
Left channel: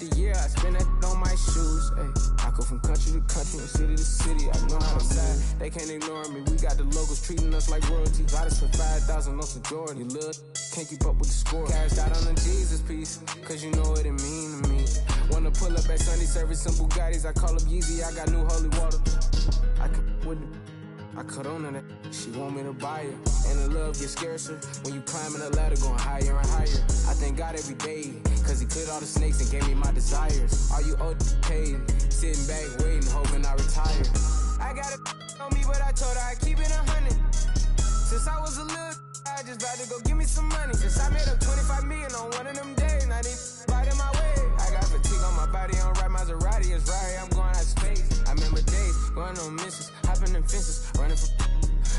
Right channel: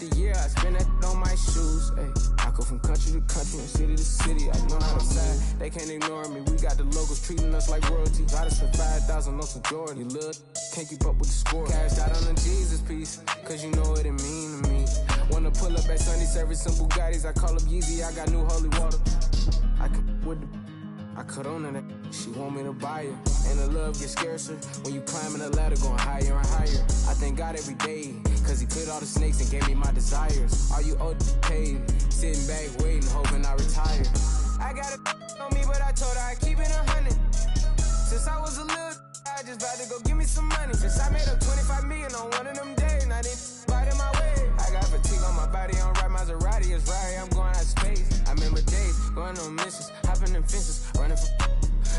The year I spend that on my shoes. Ay, I go from country to country and city to city. I know how to move. They can't ignore me. We got the locals treating us like royalty. I just spent 5,000 on some Jordan. Look, can't keep up with the score. Cashed out on the Jesus piece, cause you know what it mean to me. Wanna pull up at Sunday service some Bugattis. I call up Yeezy. I got new holy water. I can with the. I cut on to that. She want me to buy her. And the love gets scarcer when you climbing the ladder going higher and higher. I thank God every day, cause he cleared all the snakes and gave me my desires. All you old paid, sitting back waiting, hoping I retire. I got a on me, but I told her I keep it 100. Since I was a little, I just about to go give me some money. Since I made up 25 million on one of them days, now they right in my way. I got fatigue on my body, on right Maserati, it's right, I'm going out of space. I remember days, going on missions, hopping in fences, running from.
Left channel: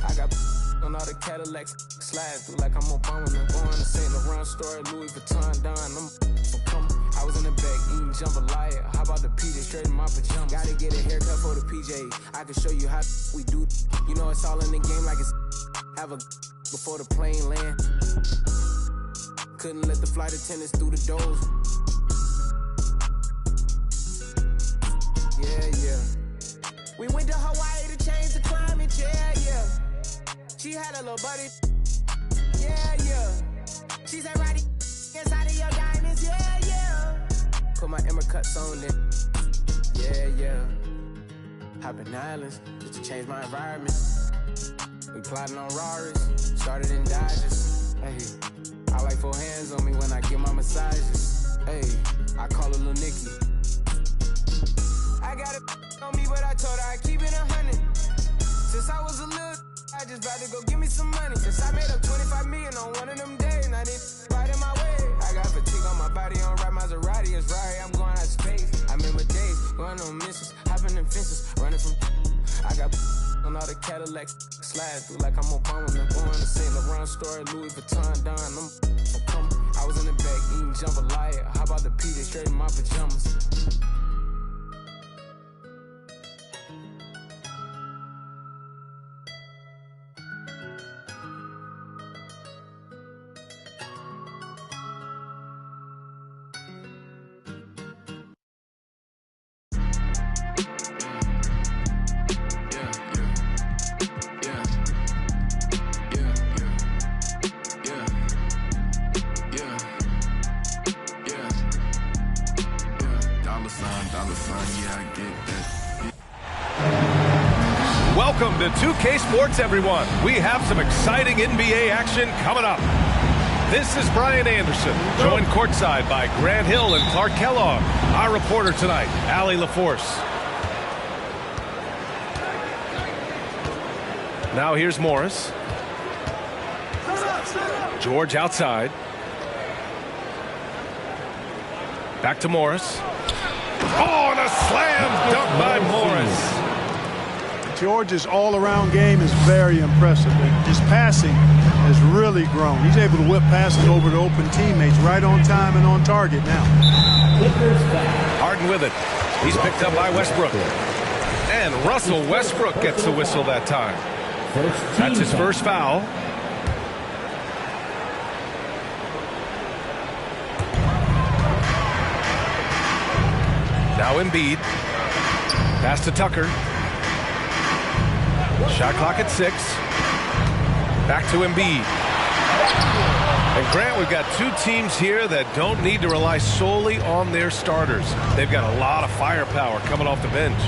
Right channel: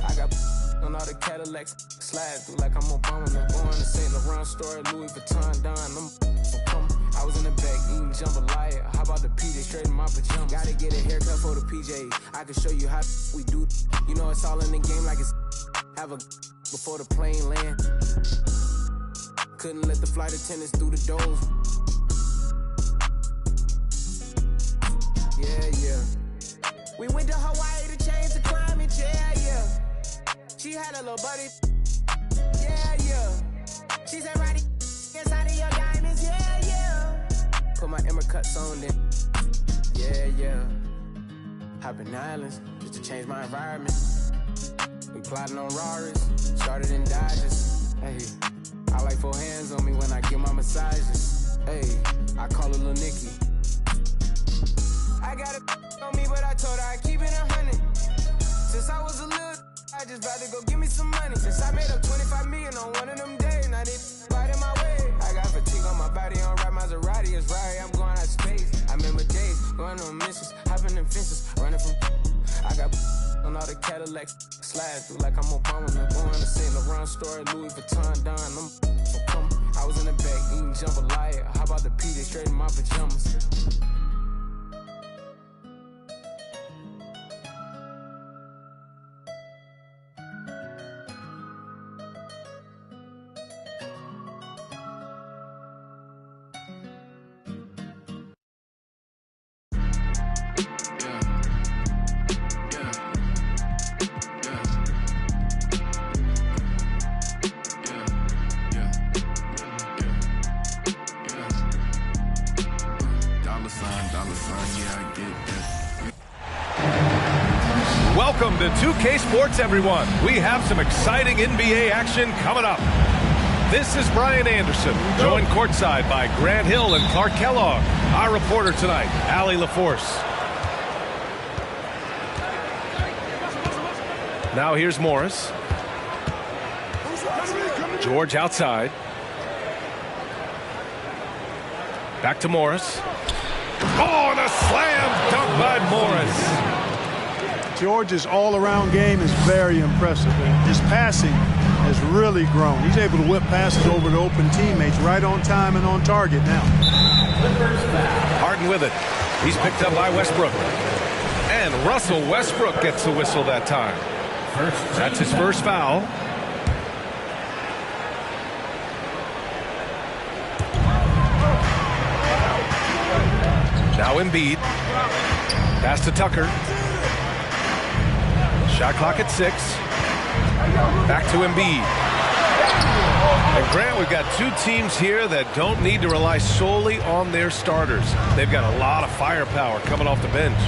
I got on all the Cadillacs, slide through like I'm Obama. I'm going to St. Laurent store, Louis Vuitton, Don. I'm so come. I was in the back eating jambalaya. How about the PJ straight in my pajamas? Gotta get a haircut for the PJ. I can show you how we do. You know it's all in the game like it's have a before the plane land. Couldn't let the flight attendants through the doors. Yeah. We went to Hawaii to change the climate, yeah. She had a little buddy, yeah. She said, Roddy, inside of your diamonds, yeah. Put my Emmer cuts on then, yeah. Hopping islands just to change my environment. We plotting on Raris, started in Dodges. Hey, I like 4 hands on me when I get my massages. Hey, I call her Lil Nicky. I got a on me, but I told her I keep it 100. Since I was a little, I just about to go give me some money. Since I made up 25 million on one of them days, now they right in my way. I got fatigue on my body, on right Maserati, it's right, I'm going out of space. I remember days, going on missions, hopping in fences, running from. I got on all the Cadillacs, slide through like I'm Obama. I'm going to St. Laurent store, Louis Vuitton, Don. I'm so come. I was in the back eating jambalaya. How about the PJ straight in my pajamas? Welcome to 2K Sports, everyone. We have some exciting NBA action coming up. This is Brian Anderson, joined courtside by Grant Hill and Clark Kellogg. Our reporter tonight, Allie LaForce. Now here's Morris. George outside. Back to Morris. Oh, and a slam dunk by Morris. George's all-around game is very impressive, and his passing has really grown. He's able to whip passes over to open teammates right on time and on target now. Harden with it. He's picked up by Westbrook. And Russell Westbrook gets the whistle that time. That's his first foul. Now Embiid. Pass to Tucker. Shot clock at 6. Back to Embiid. And Grant, we've got two teams here that don't need to rely solely on their starters. They've got a lot of firepower coming off the bench.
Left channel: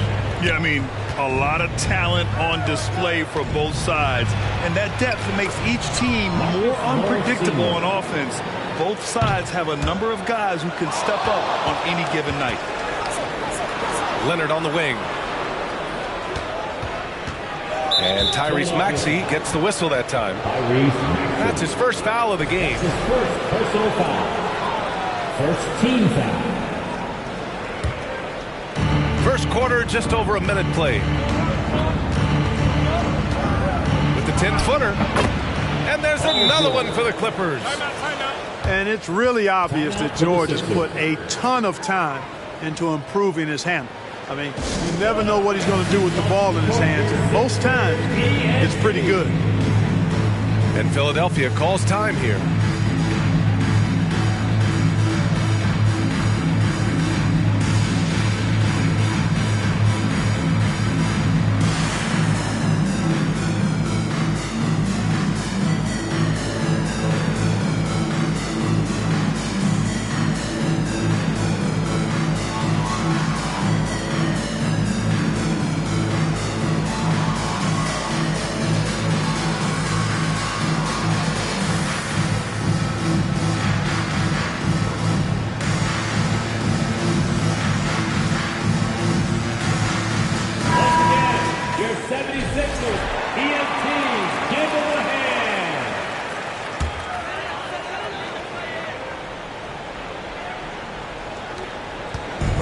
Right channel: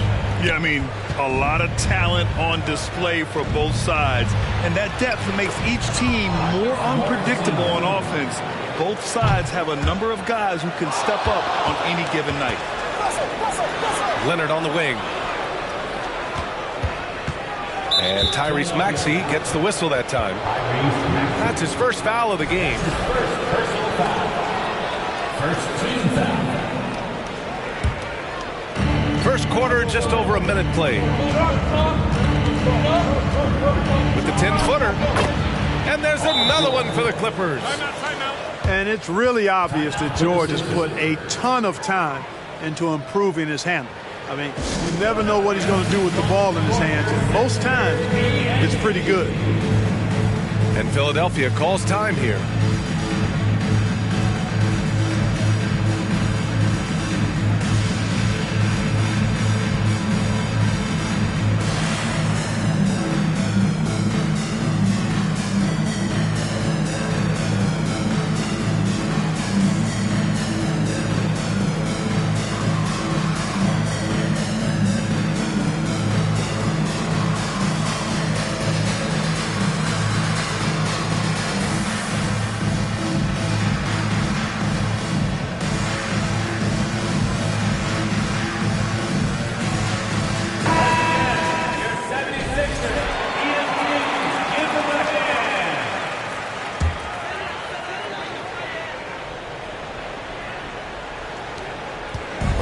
Yeah, I mean, a lot of talent on display for both sides. And that depth makes each team more unpredictable on offense. Both sides have a number of guys who can step up on any given night. Leonard on the wing. And Tyrese Maxey gets the whistle that time. That's his first foul of the game. His first personal foul. First team foul. First quarter, just over a minute played. With the 10-footer. And there's another one for the Clippers. Timeout. And it's really obvious that George has put a ton of time into improving his handle. I mean, you never know what he's going to do with the ball in his hands, and most times it's pretty good. And Philadelphia calls time here.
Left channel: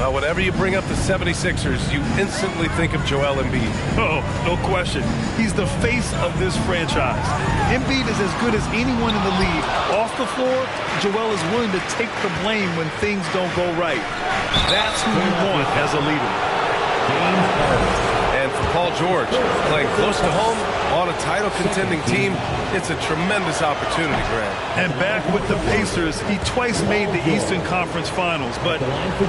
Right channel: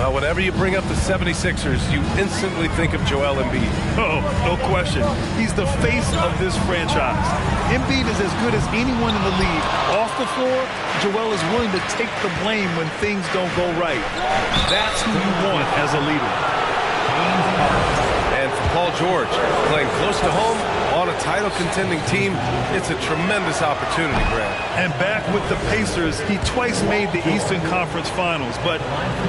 Well, whenever you bring up the 76ers, you instantly think of Joel Embiid. Oh, no question. He's the face of this franchise. Embiid is as good as anyone in the league. Off the floor, Joel is willing to take the blame when things don't go right. That's who you want as a leader. And for Paul George, playing close to home on a title-contending team, it's a tremendous opportunity, Grant. And back with the Pacers, he twice made the Eastern Conference Finals. But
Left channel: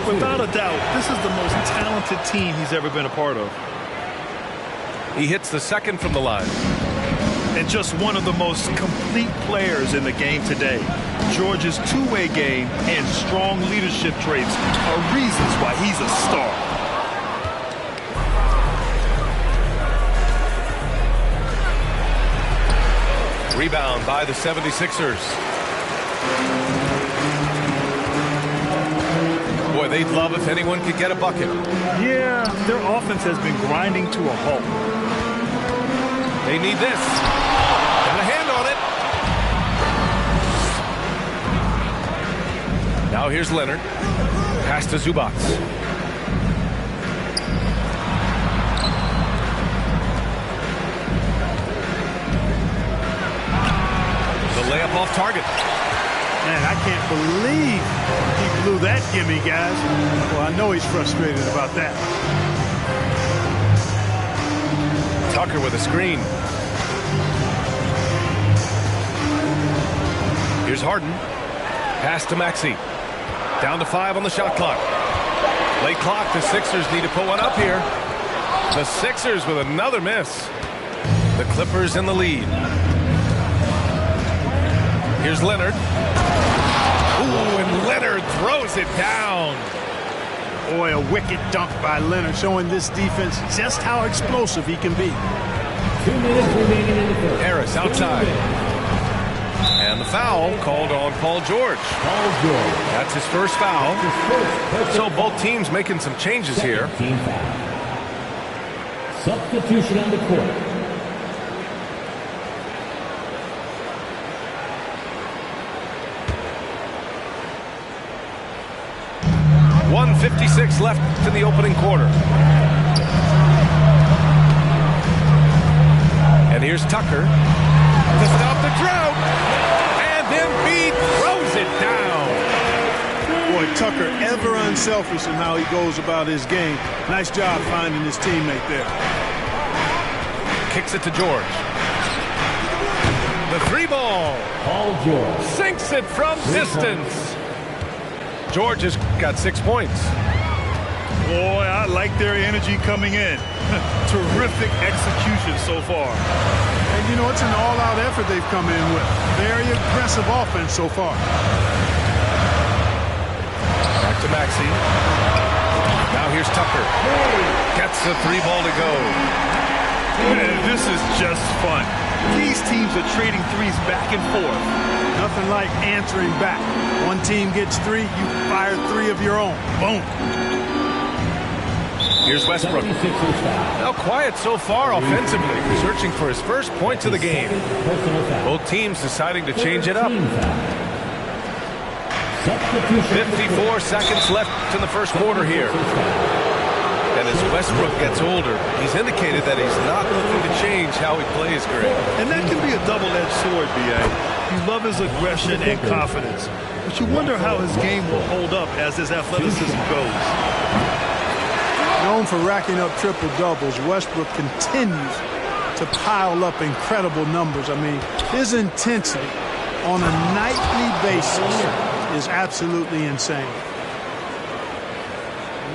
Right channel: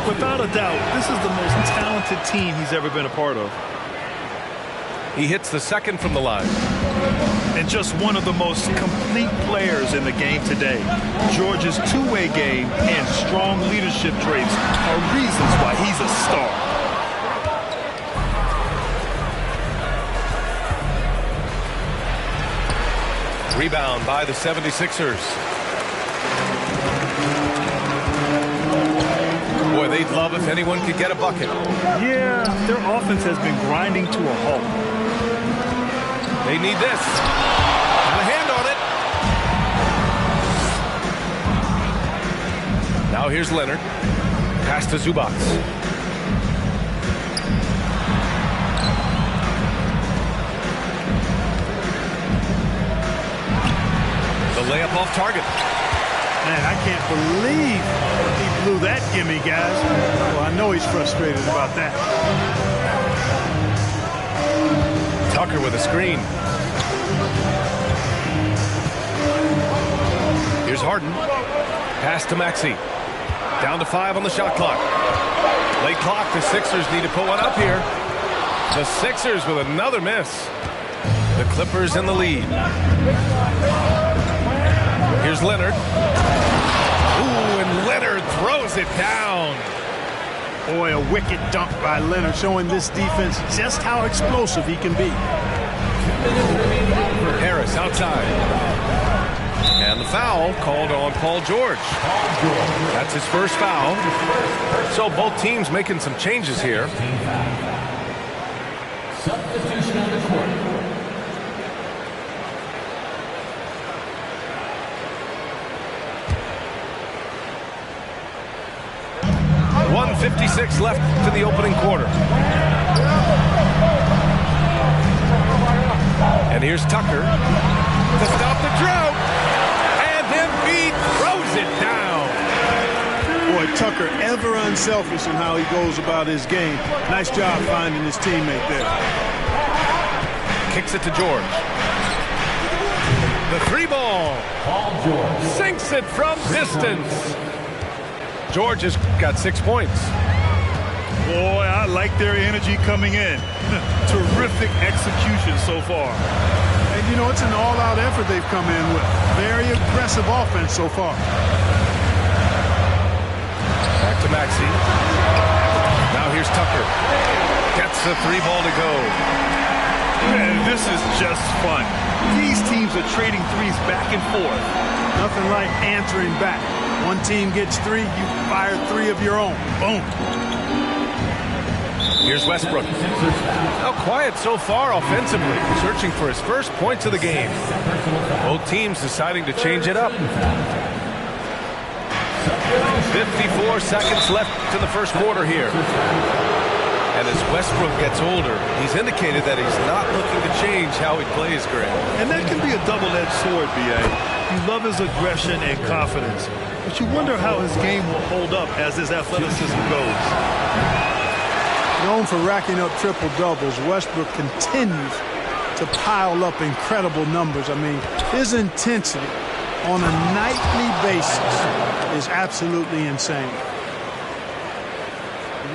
without a doubt, this is the most talented team he's ever been a part of. He hits the second from the line. And just one of the most complete players in the game today. George's two-way game and strong leadership traits are reasons why he's a star. Rebound by the 76ers. Boy, they'd love if anyone could get a bucket. Yeah, their offense has been grinding to a halt. They need this. Got a hand on it. Now here's Leonard. Pass to Zubac. The layup off target. Man, I can't believe he blew that gimme, guys. Well, I know he's frustrated about that. Tucker with a screen. Here's Harden. Pass to Maxey. Down to 5 on the shot clock. Late clock. The Sixers need to put one up here. The Sixers with another miss. The Clippers in the lead. Here's Leonard. Ooh, and Leonard throws it down. Boy, a wicked dunk by Leonard, showing this defense just how explosive he can be. Harris outside. And the foul called on Paul George. That's his first foul. So both teams making some changes here. Substitution on the court. 1:56 left to the opening quarter. And here's Tucker to stop the drought. And Embiid throws it down. Boy, Tucker ever unselfish in how he goes about his game. Nice job finding his teammate there. Kicks it to George. The three ball. Paul George sinks it from distance. George has got 6 points. Boy, I like their energy coming in. Terrific execution so far. And, you know, it's an all-out effort they've come in with. Very aggressive offense so far. Back to Maxey. Now here's Tucker. Gets the three ball to go. Man, this is just fun. These teams are trading threes back and forth. Nothing like answering back. One team gets 3, you fire 3 of your own. Boom. Here's Westbrook. Now quiet so far offensively, searching for his first points of the game. Both teams deciding to change it up. 54 seconds left in the first quarter here. And as Westbrook gets older, he's indicated that he's not looking to change how he plays, Grant. And that can be a double-edged sword, B.A. You love his aggression and confidence, but you wonder how his game will hold up as his athleticism goes. Known for racking up triple-doubles, Westbrook continues to pile up incredible numbers. I mean, his intensity on a nightly basis is absolutely insane.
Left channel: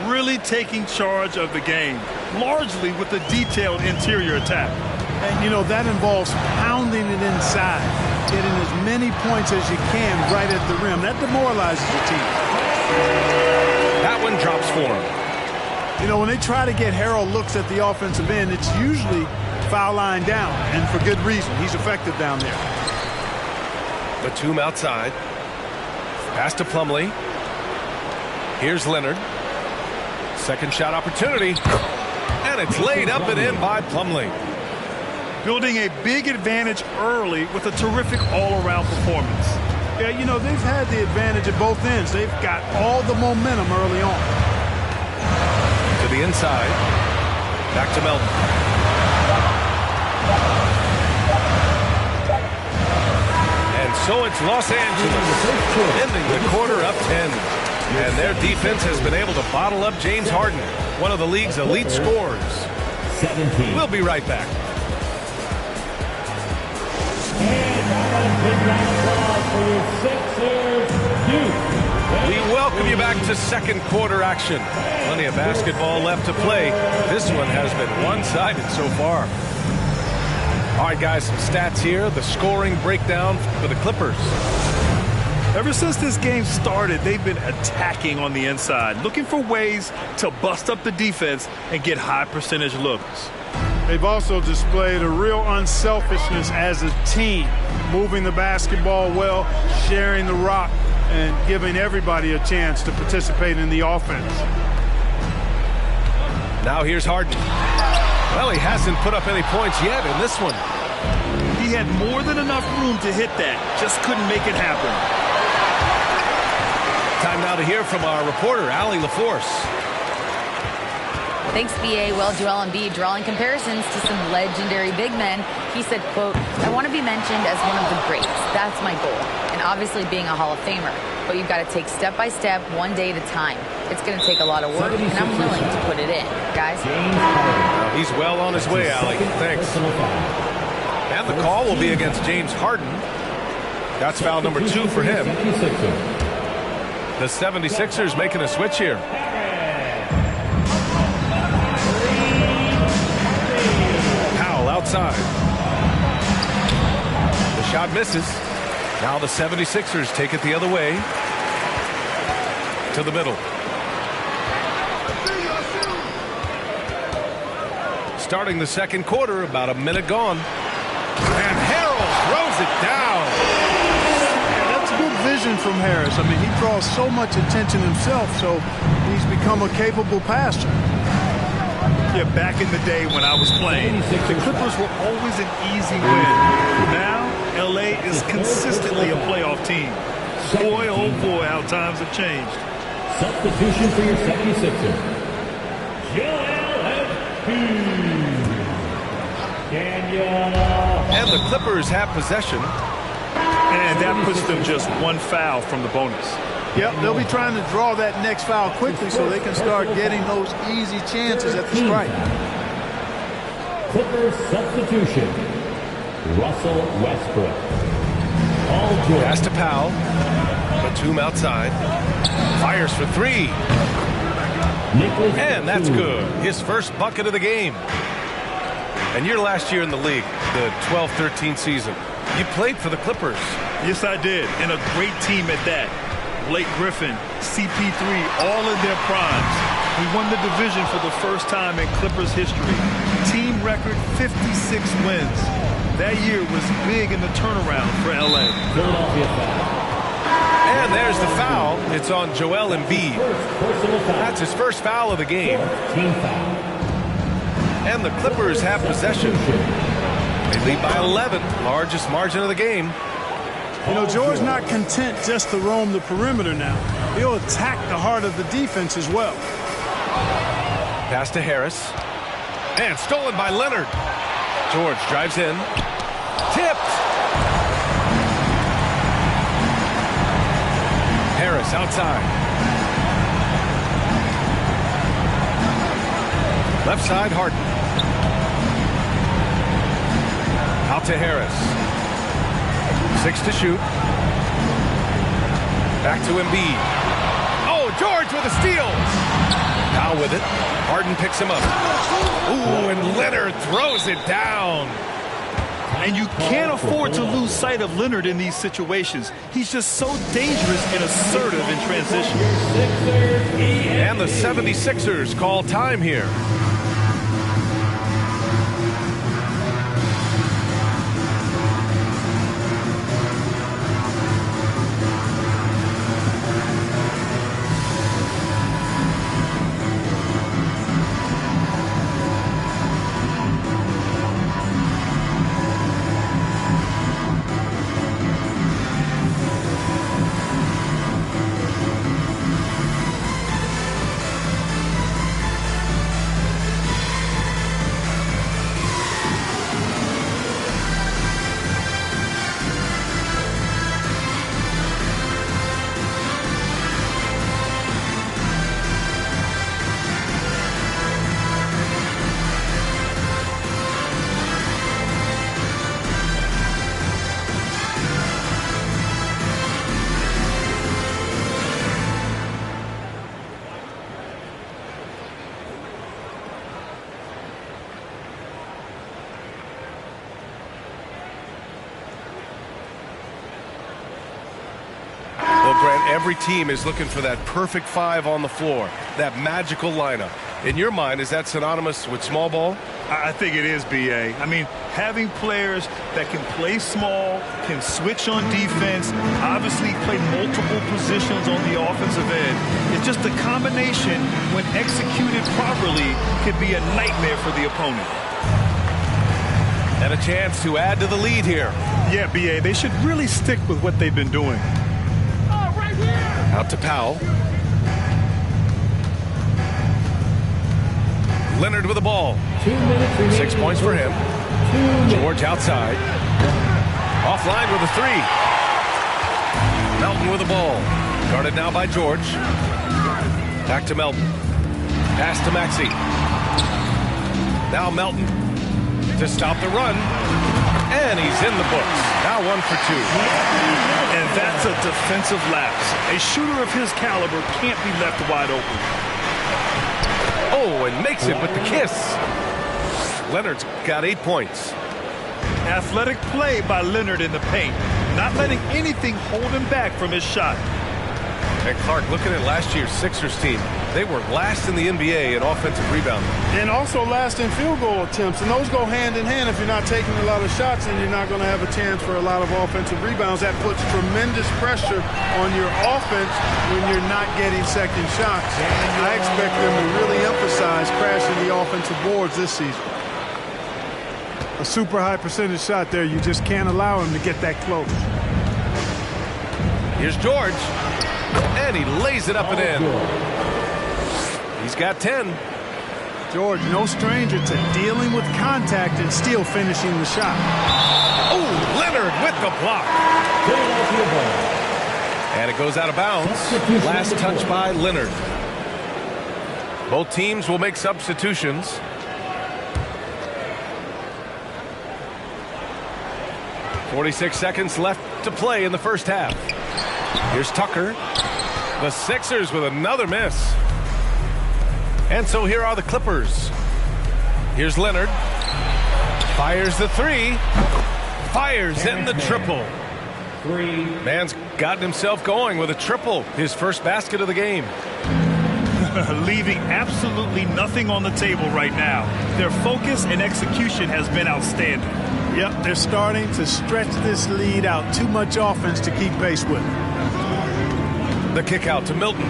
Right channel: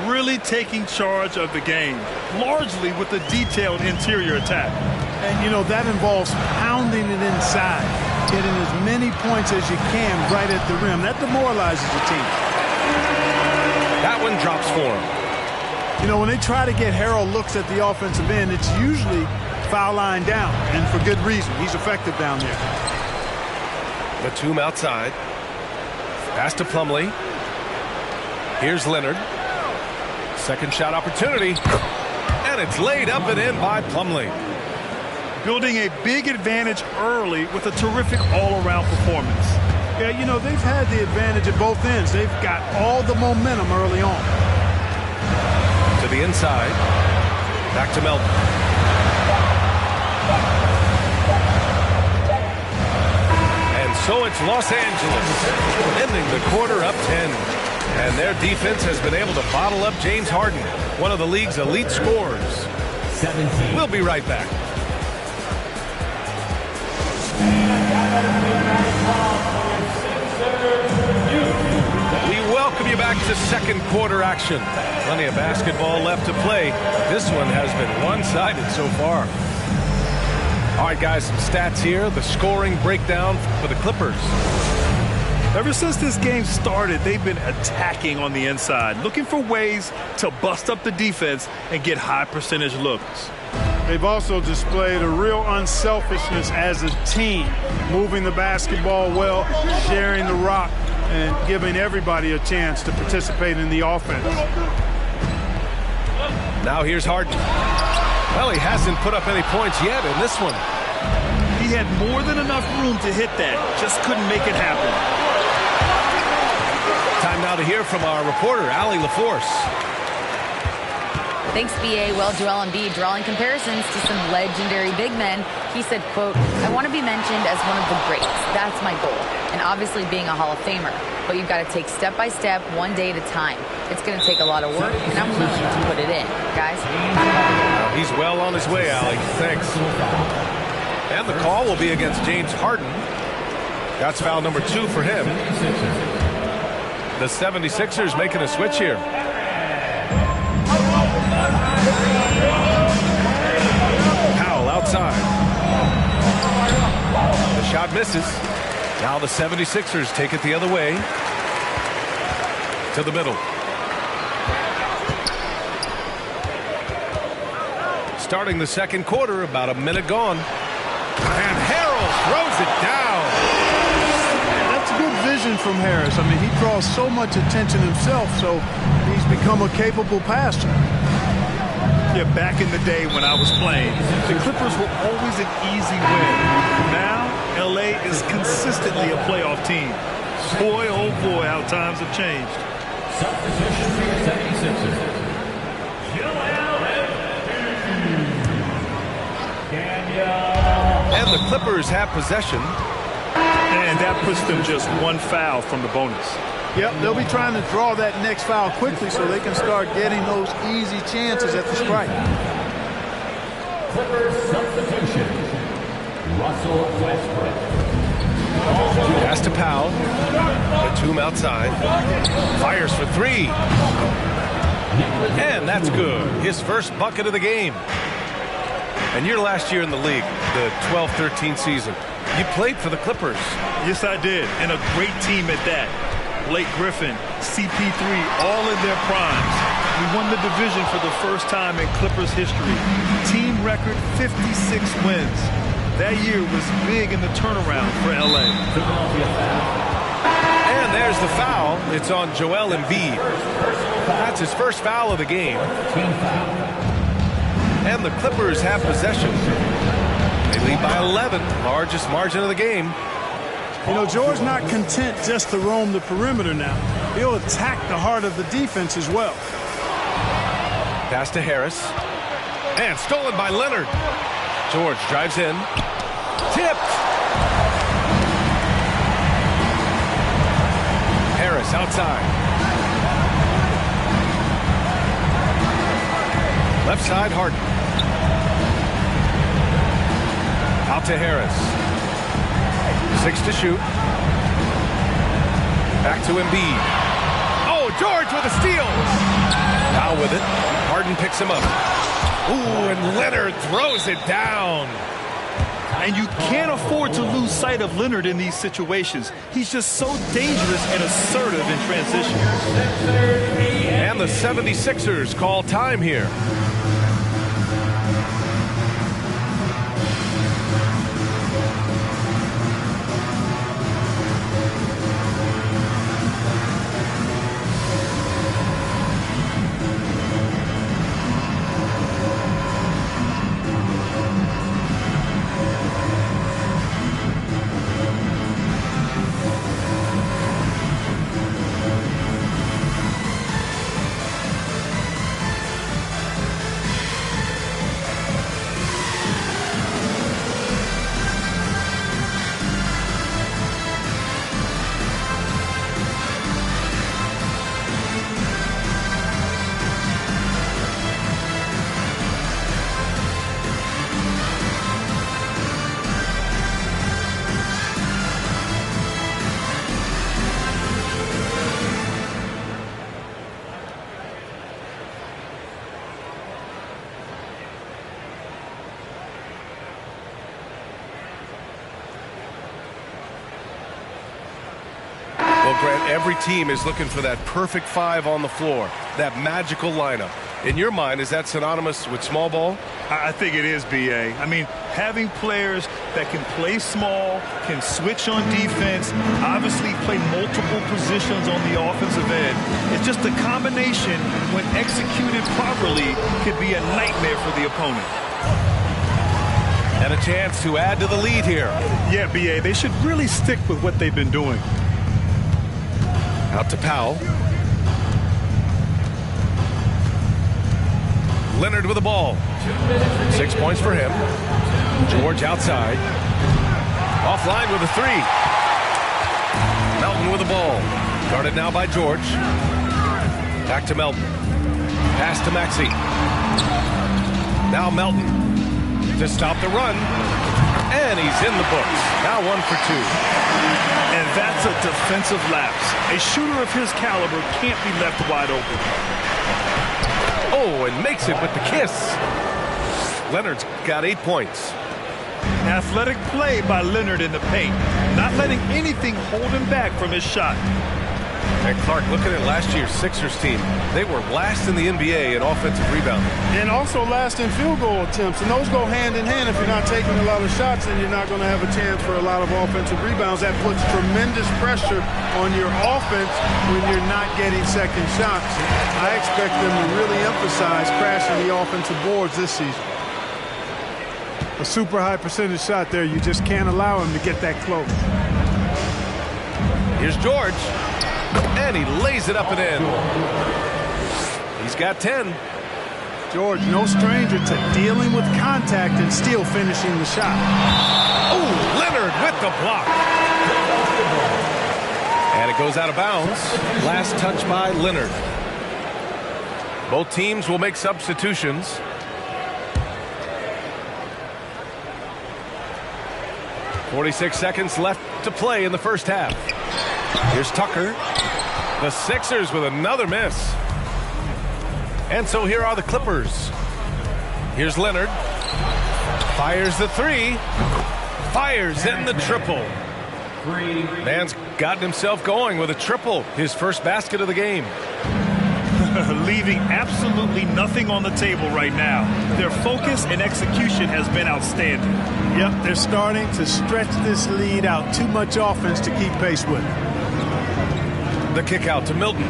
Really taking charge of the game, largely with a detailed interior attack. And, you know, that involves pounding it inside, getting as many points as you can right at the rim. That demoralizes the team. That one drops for him. You know, when they try to get Harrell looks at the offensive end, it's usually foul line down, and for good reason. He's effective down there. Batum outside. Pass to Plumlee. Here's Leonard. Second shot opportunity. And it's laid up and in by Plumlee. Building a big advantage early with a terrific all-around performance. Yeah, you know, they've had the advantage at both ends. They've got all the momentum early on. To the inside. Back to Melton. And so it's Los Angeles, ending the quarter up 10. And their defense has been able to bottle up James Harden, one of the league's elite scorers. 17. We'll be right back. We welcome you back to second quarter action. Plenty of basketball left to play. This one has been one-sided so far. All right, guys, some stats here. The scoring breakdown for the Clippers. Ever since this game started, they've been attacking on the inside, looking for ways to bust up the defense and get high percentage looks. They've also displayed a real unselfishness as a team, moving the basketball well, sharing the rock, and giving everybody a chance to participate in the offense. Now here's Harden. Well, he hasn't put up any points yet in this one. He had more than enough room to hit that, just couldn't make it happen. Time now to hear from our reporter, Allie LaForce. Thanks, B.A. Well, Joel Embiid drawing comparisons to some legendary big men. He said, quote, "I want to be mentioned as one of the greats. That's my goal. And obviously being a Hall of Famer. But you've got to take step by step, one day at a time. It's going to take a lot of work, and I'm willing to put it in. Guys?" Now he's well on his way, Allie. Thanks. And the call will be against James Harden. That's foul number 2 for him. The 76ers making a switch here. Powell outside. The shot misses. Now the 76ers take it the other way. To the middle. Starting the second quarter, about a minute gone. And Harrell throws it down. That's good vision from Harris. I mean, he draws so much attention himself, so he's become a capable passer. Yeah, back in the day when I was playing, the Clippers were always an easy win. Now, L.A. is consistently a playoff team. Boy, oh boy, how times have changed. Substitution for your 76ers. And the Clippers have possession. And that puts them just one foul from the bonus. Yep, they'll be trying to draw that next foul quickly so they can start getting those easy chances at the strike. Clippers substitution. Russell Westbrook. Pass to Powell. Batum outside. Fires for 3. And that's good. His first bucket of the game. And your last year in the league, the 12-13 season, you played for the Clippers. Yes, I did. And a great team at that. Blake Griffin, CP3, all in their primes. We won the division for the first time in Clippers history. Team record 56 wins. That year was big in the turnaround for L.A. And there's the foul. It's on Joel Embiid. That's his first foul of the game. Team foul. And the Clippers have possession. They lead by 11, largest margin of the game. You know, George's not content just to roam the perimeter now. He'll attack the heart of the defense as well. Pass to Harris. And stolen by Leonard. George drives in. Tipped. Harris outside. Left side, Harden. Out to Harris. 6 to shoot. Back to Embiid. Oh, George with a steal. Powell with it. Harden picks him up. Ooh, and Leonard throws it down. And you can't afford to lose sight of Leonard in these situations. He's just so dangerous and assertive in transition. And the 76ers call time here. Grant, every team is looking for that perfect five on the floor, that magical lineup. In your mind, is that synonymous with small ball? I think it is, B.A. I mean, having players that can play small, can switch on defense, obviously play multiple positions on the offensive end. It's just a combination, when executed properly, could be a nightmare for the opponent. And a chance to add to the lead here. Yeah, B.A., they should really stick with what they've been doing. Out to Powell. Leonard with the ball. 6 points for him. George outside. Offline with a three. Melton with the ball. Guarded now by George. Back to Melton. Pass to Maxey. Now Melton to stop the run. And he's in the books. Now 1 for 2. And that's a defensive lapse. A shooter of his caliber can't be left wide open. Oh, and makes it with the kiss. Leonard's got 8 points. Athletic play by Leonard in the paint, not letting anything hold him back from his shot. And Clark, looking at last year's Sixers team, they were last in the NBA in offensive rebounding. And also last in field goal attempts. And those go hand in hand. If you're not taking a lot of shots, then you're not going to have a chance for a lot of offensive rebounds. That puts tremendous pressure on your offense when you're not getting second shots. I expect them to really emphasize crashing the offensive boards this season. A super high percentage shot there. You just can't allow him to get that close. Here's George. And he lays it up and in. He's got 10. George, no stranger to dealing with contact and still finishing the shot. Oh, Leonard with the block. And it goes out of bounds. Last touch by Leonard. Both teams will make substitutions. .46 seconds left to play in the first half. Here's Tucker. The Sixers with another miss. And so here are the Clippers. Here's Leonard. Fires the three. Fires in the triple. Man's gotten himself going with a triple. His first basket of the game. Leaving absolutely nothing on the table right now. Their focus and execution has been outstanding. Yep, they're starting to stretch this lead out. Too much offense to keep pace with. The kick out to Milton.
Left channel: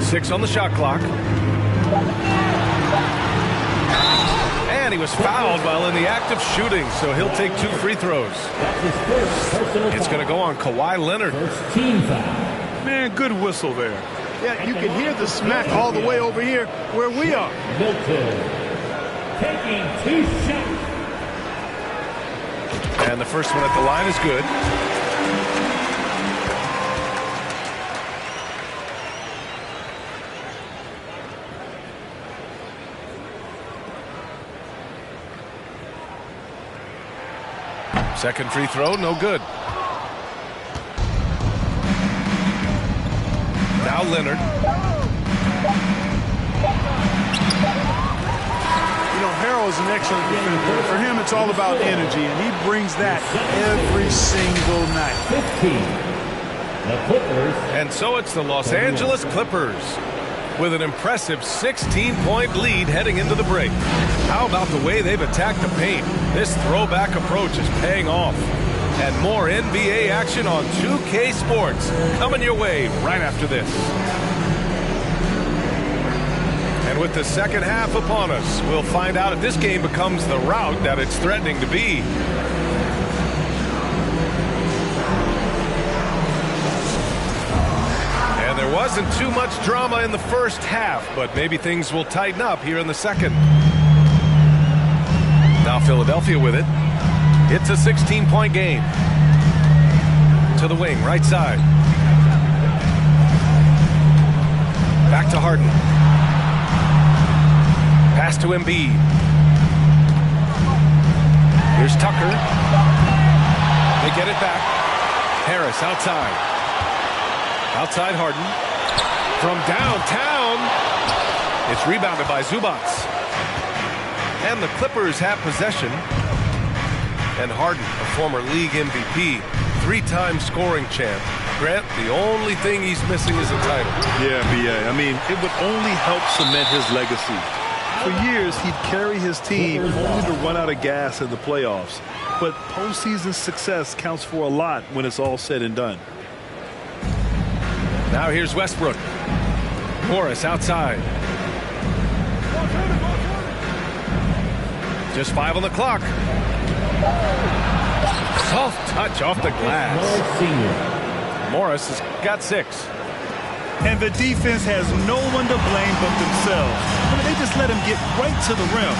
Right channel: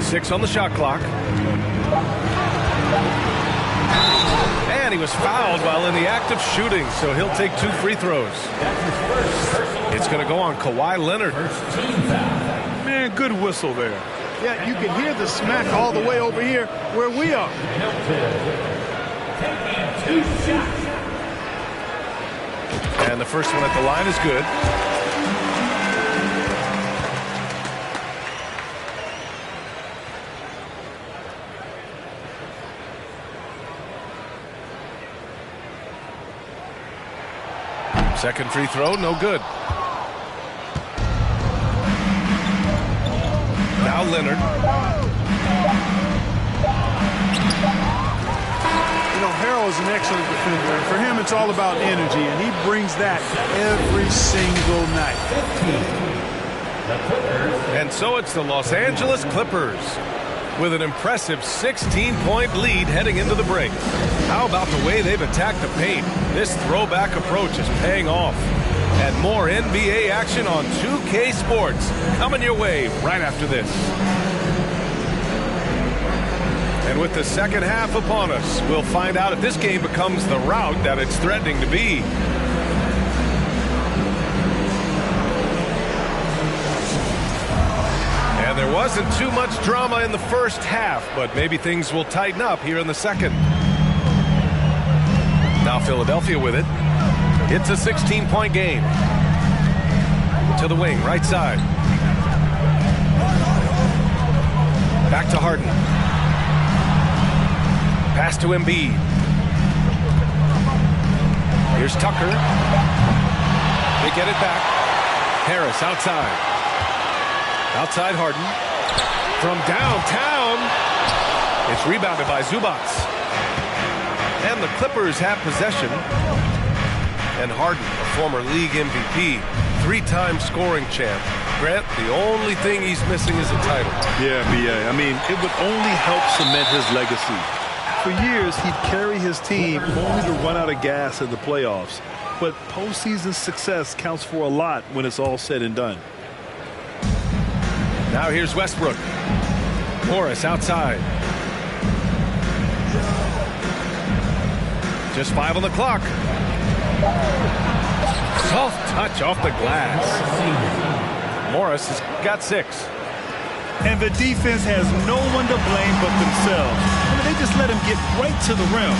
6 on the shot clock. And he was fouled while in the act of shooting, so he'll take 2 free throws. It's going to go on Kawhi Leonard. Man, good whistle there. Yeah, you can hear the smack all the way over here where we are. Milton taking 2 shots. And the first one at the line is good. Second free throw, no good. Now Leonard. You know, Harrell is an excellent defender, and for him it's all about energy, and he brings that every single night. 15. The Clippers. And so it's the Los Angeles Clippers with an impressive 16-point lead heading into the break. How about the way they've attacked the paint? This throwback approach is paying off. And more NBA action on 2K Sports coming your way right after this. And with the second half upon us, we'll find out if this game becomes the rout that it's threatening to be. And there wasn't too much drama in the first half, but maybe things will tighten up here in the second. Now Philadelphia with it. It's a 16-point game. To the wing, right side. Back to Harden. Pass to Embiid. Here's Tucker. They get it back. Harris outside. Outside Harden. From downtown. It's rebounded by Zubats. And the Clippers have possession. And Harden, a former league MVP, three-time scoring champ. Grant, the only thing he's missing is a title. Yeah, B.A. I mean, it would only help cement his legacy. For years, he'd carry his team only to run out of gas in the playoffs. But postseason success counts for a lot when it's all said and done. Now here's Westbrook. Morris outside. Just 5 on the clock. Soft touch off the glass. Morris has got 6. And the defense has no one to blame but themselves. I mean, they just let him get right to the rim.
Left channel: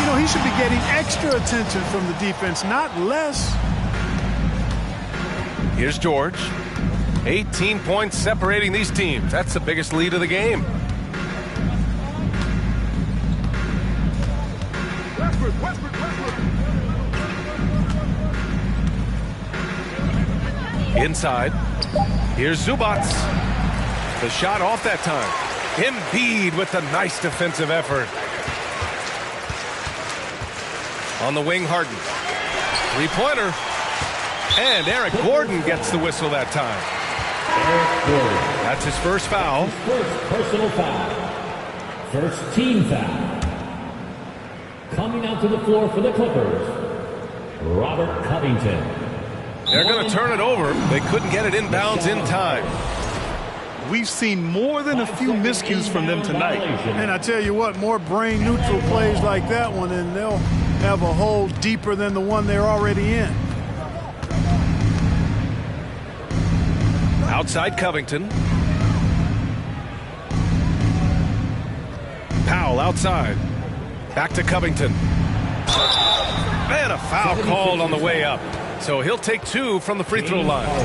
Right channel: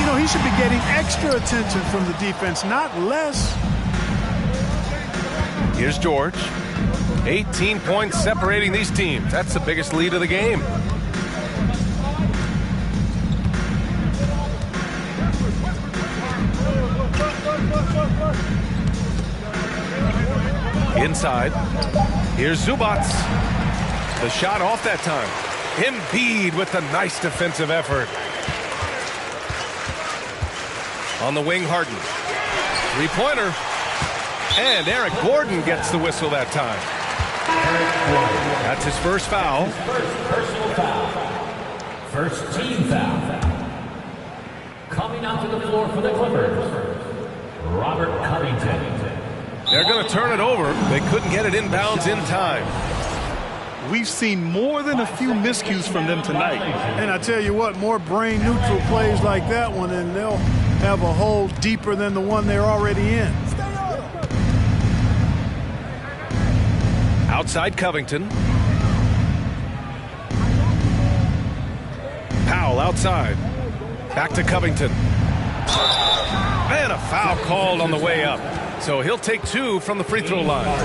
You know, he should be getting extra attention from the defense, not less. Here's George. 18 points separating these teams. That's the biggest lead of the game. Inside. Here's Zubats. The shot off that time. Embiid with the nice defensive effort. On the wing, Harden. Three-pointer. And Eric Gordon gets the whistle that time. That's his first foul. His first personal foul. First team foul. Coming out to the floor for the Clippers, Robert Covington. They're going to turn it over. They couldn't get it inbounds in time. We've seen more than a few miscues from them tonight. And I tell you what, more brain-neutral plays like that one, and they'll have a hole deeper than the one they're already in. Outside Covington. Powell outside. Back to Covington. And a foul called on the way up. So he'll take 2 from the free throw line.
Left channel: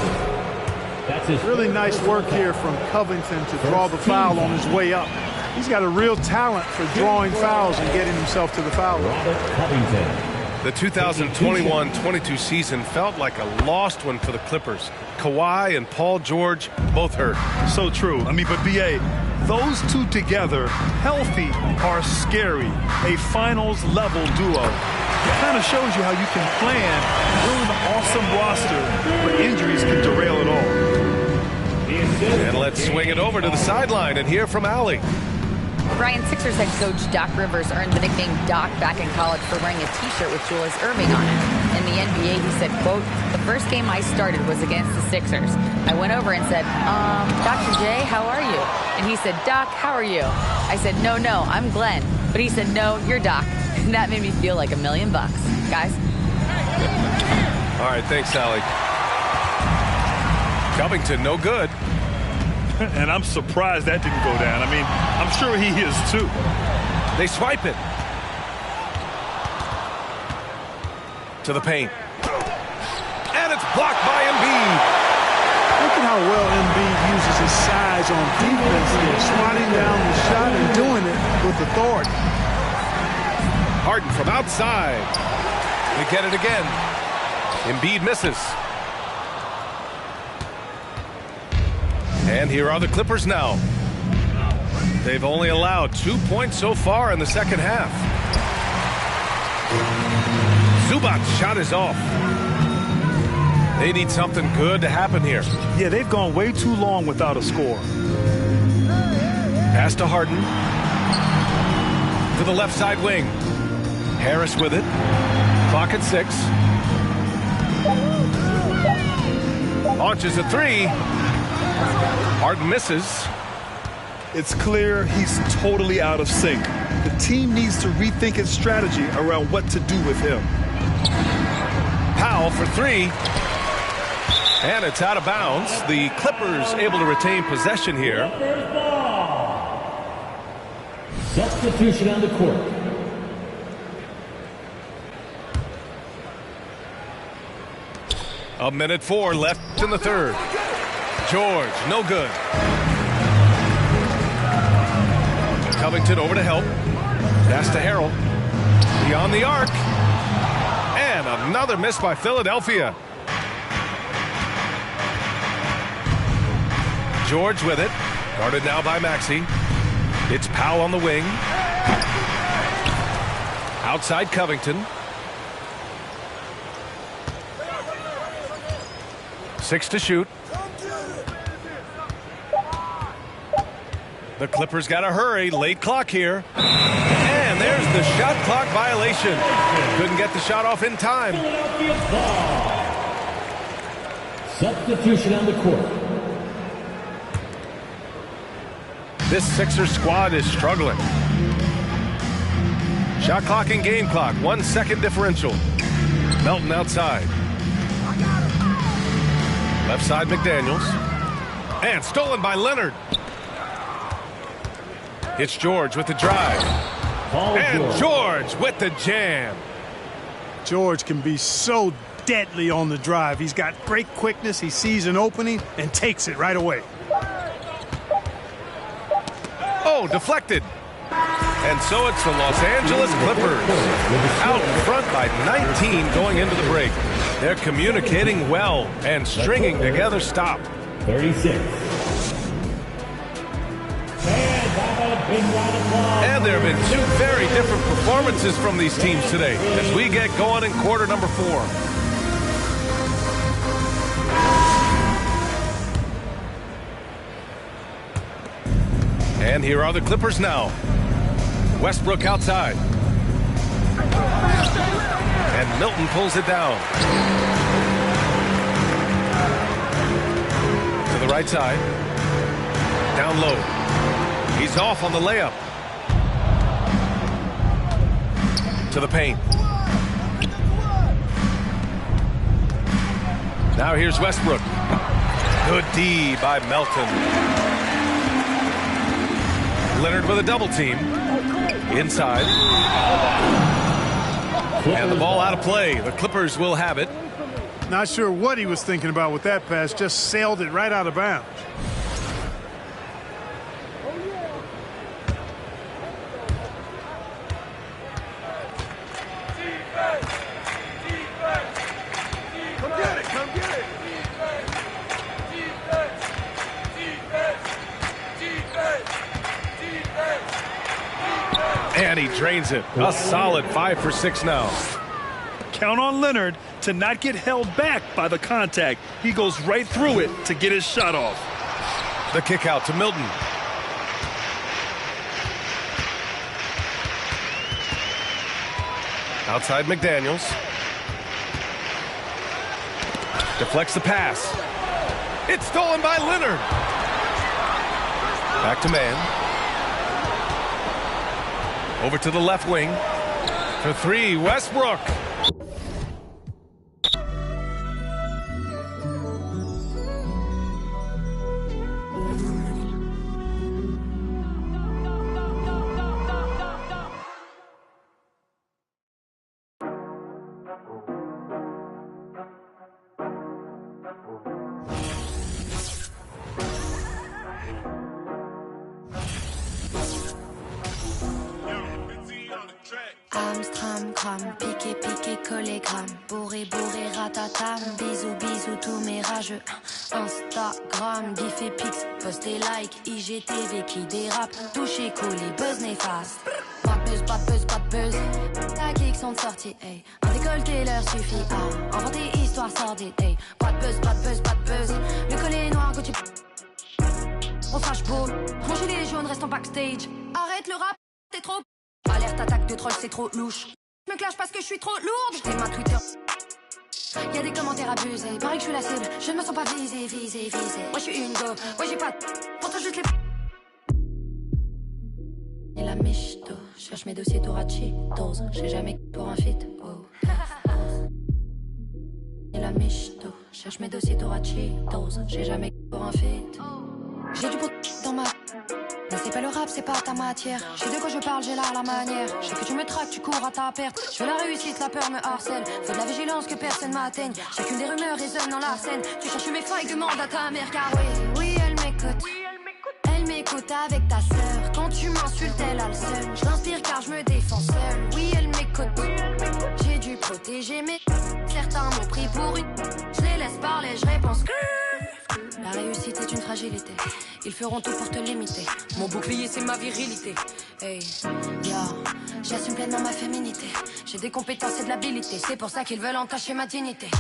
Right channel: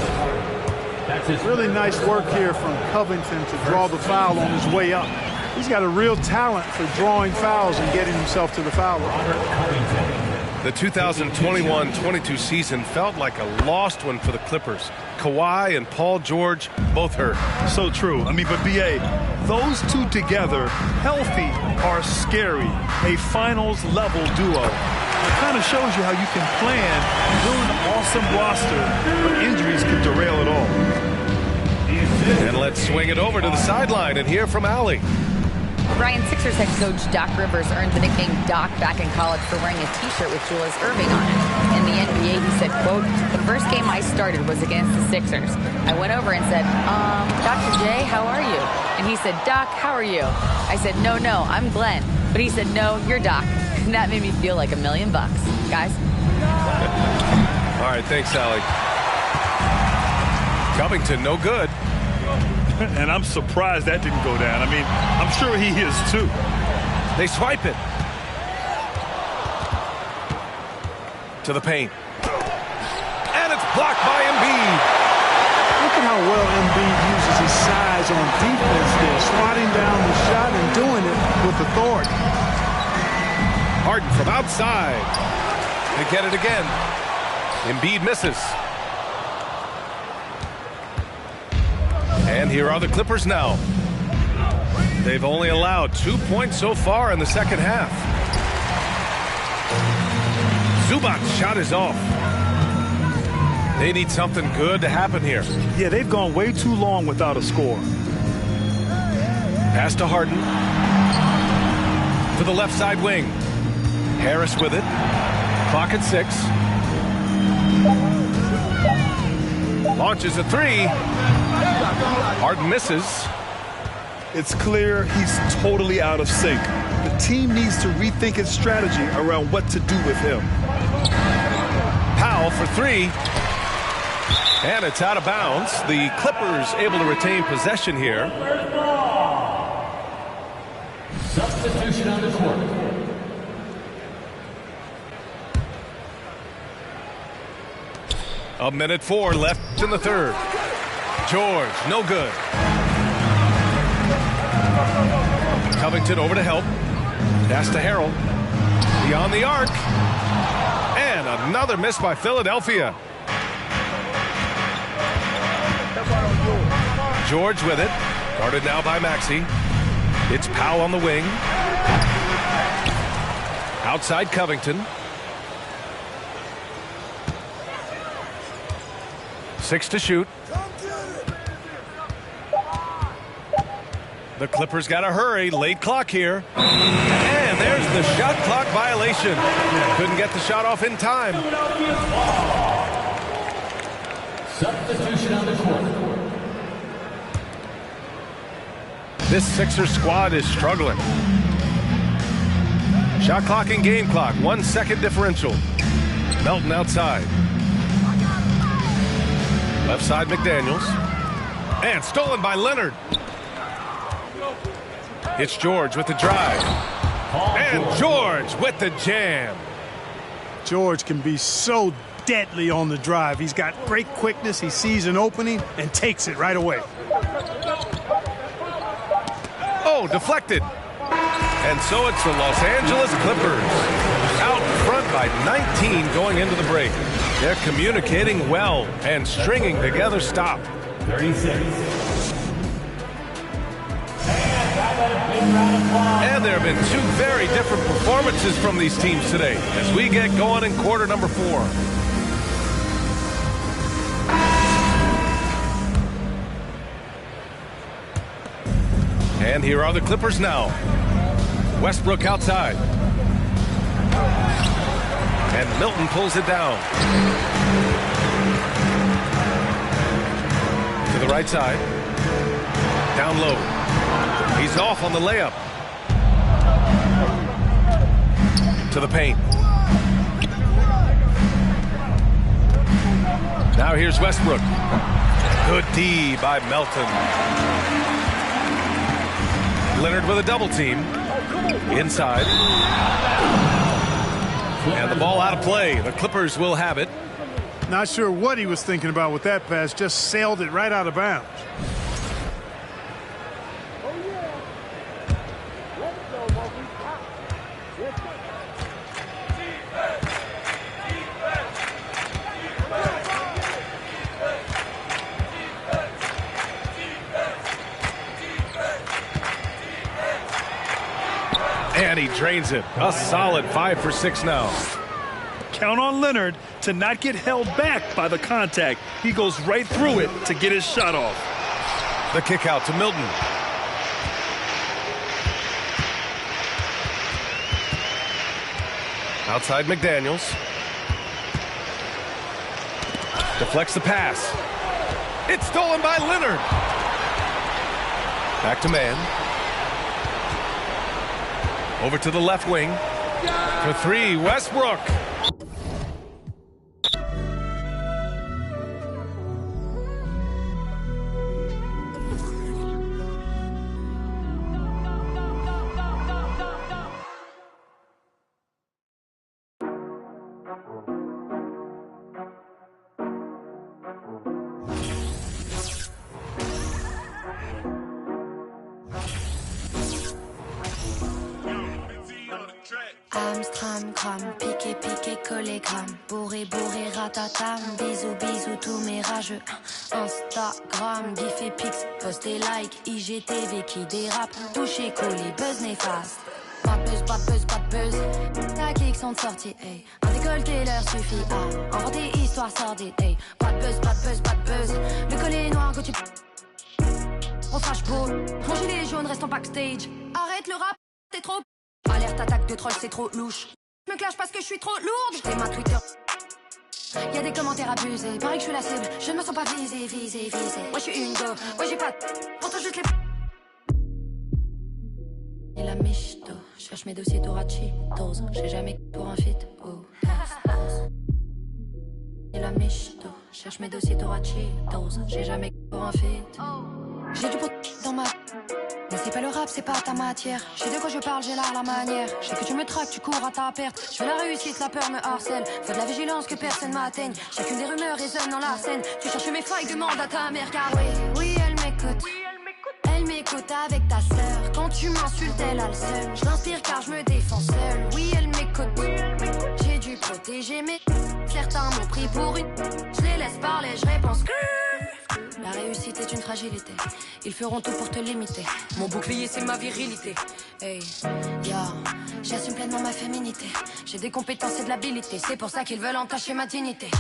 That's really nice work here from Covington to draw the foul on his way up. He's got a real talent for drawing fouls and getting himself to the foul line. The 2021-22 season felt like a lost one for the Clippers. Kawhi and Paul George both hurt. So true. I mean, but B.A., those two together, healthy, are scary. A finals-level duo. It kind of shows you how you can plan, build an awesome roster, but injuries can derail it all. And let's swing it over to the sideline and hear from Allie. Brian, Sixers head coach Doc Rivers earned the nickname Doc back in college for wearing a T-shirt with Julius Erving on it. In the NBA, he said, quote, "The first game I started was against the Sixers. I went over and said, Dr. J, how are you?" And he said, "Doc, how are you?" I said, no, I'm Glenn." But he said, "No, you're Doc." And that made me feel like $1 million. Guys? All right, thanks, Allie. Covington, no good. And I'm surprised that didn't go down. I mean, I'm sure he is too. They swipe it. To the paint. And it's blocked by Embiid. Look at how well Embiid uses his size on defense there, swatting down the shot and doing it with authority. Harden from outside. They get it again. Embiid misses. And here are the Clippers now. They've only allowed 2 points so far in the second half. Zubac's shot is off. They need something good to happen here. Yeah, they've gone way too long without a score. Pass to Harden. To the left side wing. Harris with it. Clock at 6. Launches a 3. Harden misses. It's clear he's totally out of sync. The team needs to rethink its strategy around what to do with him. Powell for 3. And it's out of bounds. The Clippers able to retain possession here. Substitution on the court. A minute 4 left in the third. George, no good. Covington over to help. Pass to Harrell. Beyond the arc. And another miss by Philadelphia. George with it. Guarded now by Maxey. It's Powell on the wing. Outside Covington. 6 to shoot. The Clippers got to hurry. Late clock here. And there's the shot clock violation. Couldn't get the shot off in time. Substitution on the court. This Sixers squad is struggling. Shot clock and game clock. 1 second differential. Melton outside. Left side McDaniels. And stolen by Leonard. It's George with the drive. And George with the jam. George can be so deadly on the drive. He's got great quickness. He sees an opening and takes it right away. Oh, deflected. And so it's the Los Angeles Clippers out in front by 19 going into the break. They're communicating well and stringing together stop. 36. And there have been 2 very different performances from these teams today as we get going in quarter number 4. And here are the Clippers now. Westbrook outside. And Milton pulls it down. To the right side. Down low. He's off on the layup. To the paint. Now here's Westbrook. Good D by Melton. Leonard with a double team. Inside. And the ball out of play. The Clippers will have it. Not sure what he was thinking about with that pass. Just sailed it right out of bounds. And he drains it. A solid 5 for 6 now. Count on Leonard to not get held back by the contact. He goes right through it to get his shot off. The kick out to Milton. Outside McDaniels. Deflects the pass. It's stolen by Leonard. Back to man. Over to the left wing. For 3, Westbrook. Amstram, gram, piqué, piqué, collé, gramme. Bourré, bourré, ratatam. Bisous, bisous, tous mes rageux. Instagram, gif et pix, post et like. IGTV qui dérape. Touché, collé, buzz néfaste. Pas de buzz, pas de buzz, pas de buzz. Ta clique sont de sortie, hey. Un décolleté leur suffit à inventer histoire sordide, hey. Pas de buzz, pas de buzz, pas de buzz. Le collet noir que tu. On fâche beau. Mon gilet jaune reste en backstage. Arrête le rap, t'es trop. Alerte attaque de troll, c'est trop louche. Je me clash parce que je suis trop lourde. J'ai ma Twitter. Y'a des commentaires abusés. Pareil que je suis la cible. Je ne me sens pas visée, visée, visée. Moi je suis une go. Ouais j'ai pas. Pourtant juste les. Et la michto. Cherche mes dossiers Torachitos. J'ai jamais pour un fit. Oh. Et la michto. Cherche mes dossiers Torachitos. J'ai jamais pour un fit. J'ai du pot dans ma. Mais c'est pas le rap, c'est pas ta matière. Je sais de quoi je parle, j'ai là la manière. Je sais que tu me traques, tu cours à ta perte. Je veux la réussite, la peur me harcèle. Faut de la vigilance que personne m'atteigne. Chacune des rumeurs résonne dans la scène. Tu cherches mes failles, demande à ta mère. Car oui, oui, elle m'écoute. Elle m'écoute avec ta sœur. Quand tu m'insultes, elle a le seum. Je l'inspire car je me défends seule. Oui, elle m'écoute. J'ai dû protéger mes. Certains m'ont pris pour une. Je les laisse parler, je réponds que. La réussite est une fragilité. Ils feront tout pour te limiter. Mon bouclier c'est ma virilité. Hey, yo, j'assume pleinement ma féminité. J'ai des compétences et de l'habilité. C'est pour ça qu'ils veulent entacher ma dignité.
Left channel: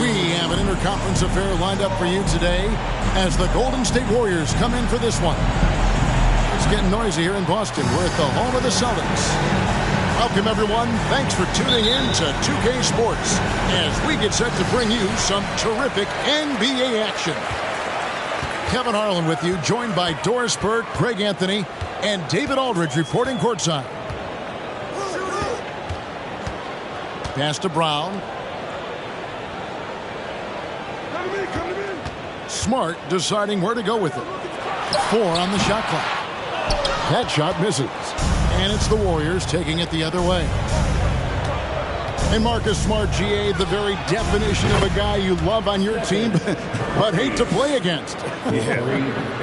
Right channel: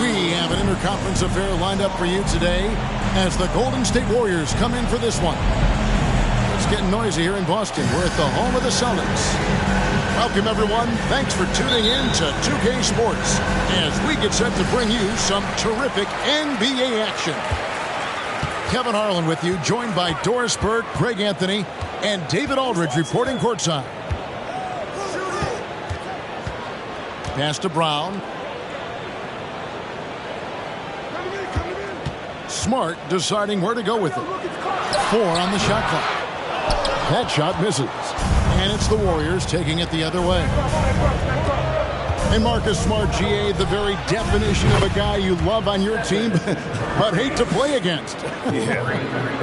We have an interconference affair lined up for you today as the Golden State Warriors come in for this one. It's getting noisy here in Boston. We're at the home of the Celtics. Welcome, everyone. Thanks for tuning in to 2K Sports as we get set to bring you some terrific NBA action. Kevin Harlan with you, joined by Doris Burke, Greg Anthony, and David Aldridge reporting courtside. Pass to Brown. Smart deciding where to go with it. 4 on the shot clock. That shot misses. And it's the Warriors taking it the other way. And Marcus Smart, GA, the very definition of a guy you love on your team, but hate to play against. Yeah,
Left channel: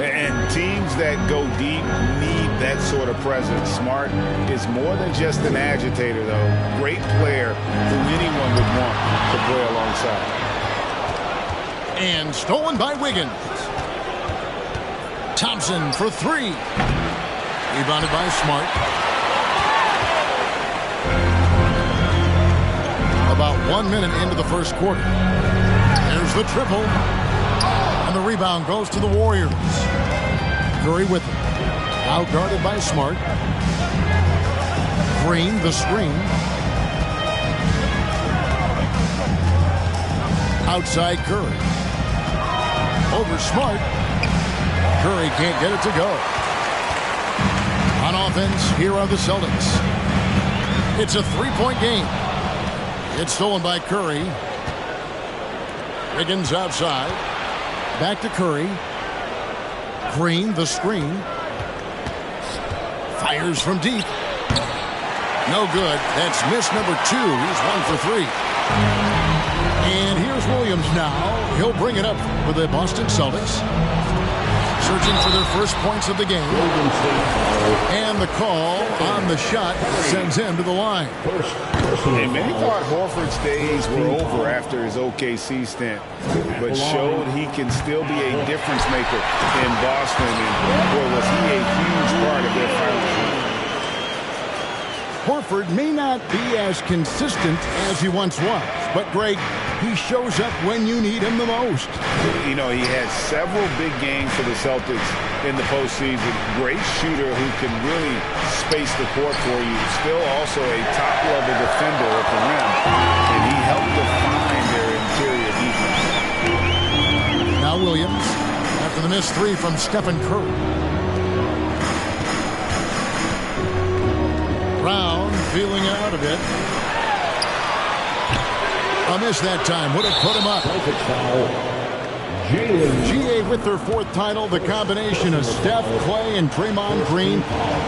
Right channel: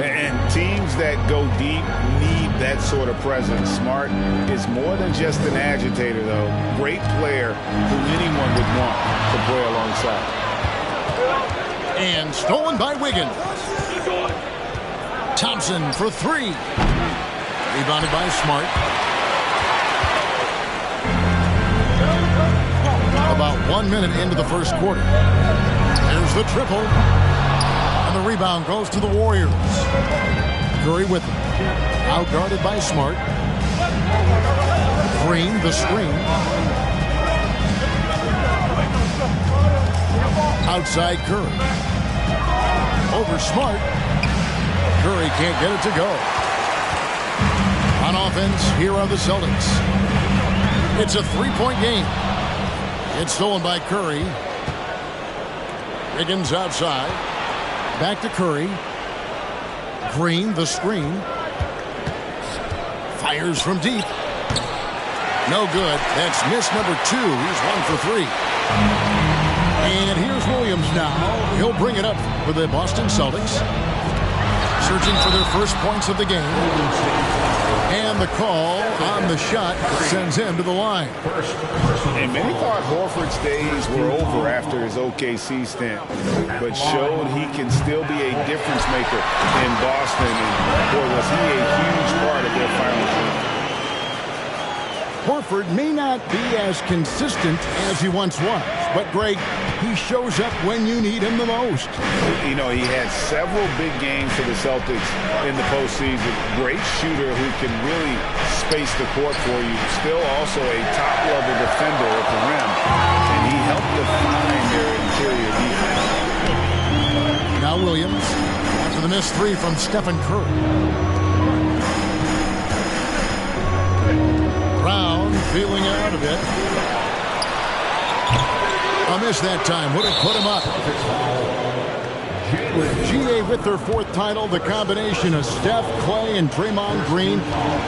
and teams that go deep need that sort of presence. Smart is more than just an agitator, though. Great player who anyone would want to play alongside. And stolen by Wiggins. Thompson for 3. Rebounded by Smart. About 1 minute into the first quarter. There's the triple. And the rebound goes to the Warriors. Curry with it. Outguarded by Smart. Green, the screen. Outside Curry. Over Smart. Curry can't get it to go. On offense, here are the Celtics. It's a 3-point game. It's stolen by Curry. Wiggins outside. Back to Curry. Green, the screen. Fires from deep. No good. That's miss number 2. He's 1 for 3. And here's Williams now. He'll bring it up for the Boston Celtics. Searching for their first points of the game. And the call on the shot sends him to the line. And many thought Horford's days were over after his OKC stint, but showed he can still be a difference maker in Boston. And boy, was he a huge part of their finals run. Horford may not be as consistent as he once was, but Greg, he shows up when you need him the most. You know, he had several big games for the Celtics in the postseason. Great shooter who can really space the court for you. Still also a top-level defender at the rim. And he helped define their interior defense. Now Williams, after the missed 3 from Stephen Curry. Brown feeling out of it. A miss that time. Would have put him up. GA with their 4th title. The combination of Steph, Clay, and Draymond Green.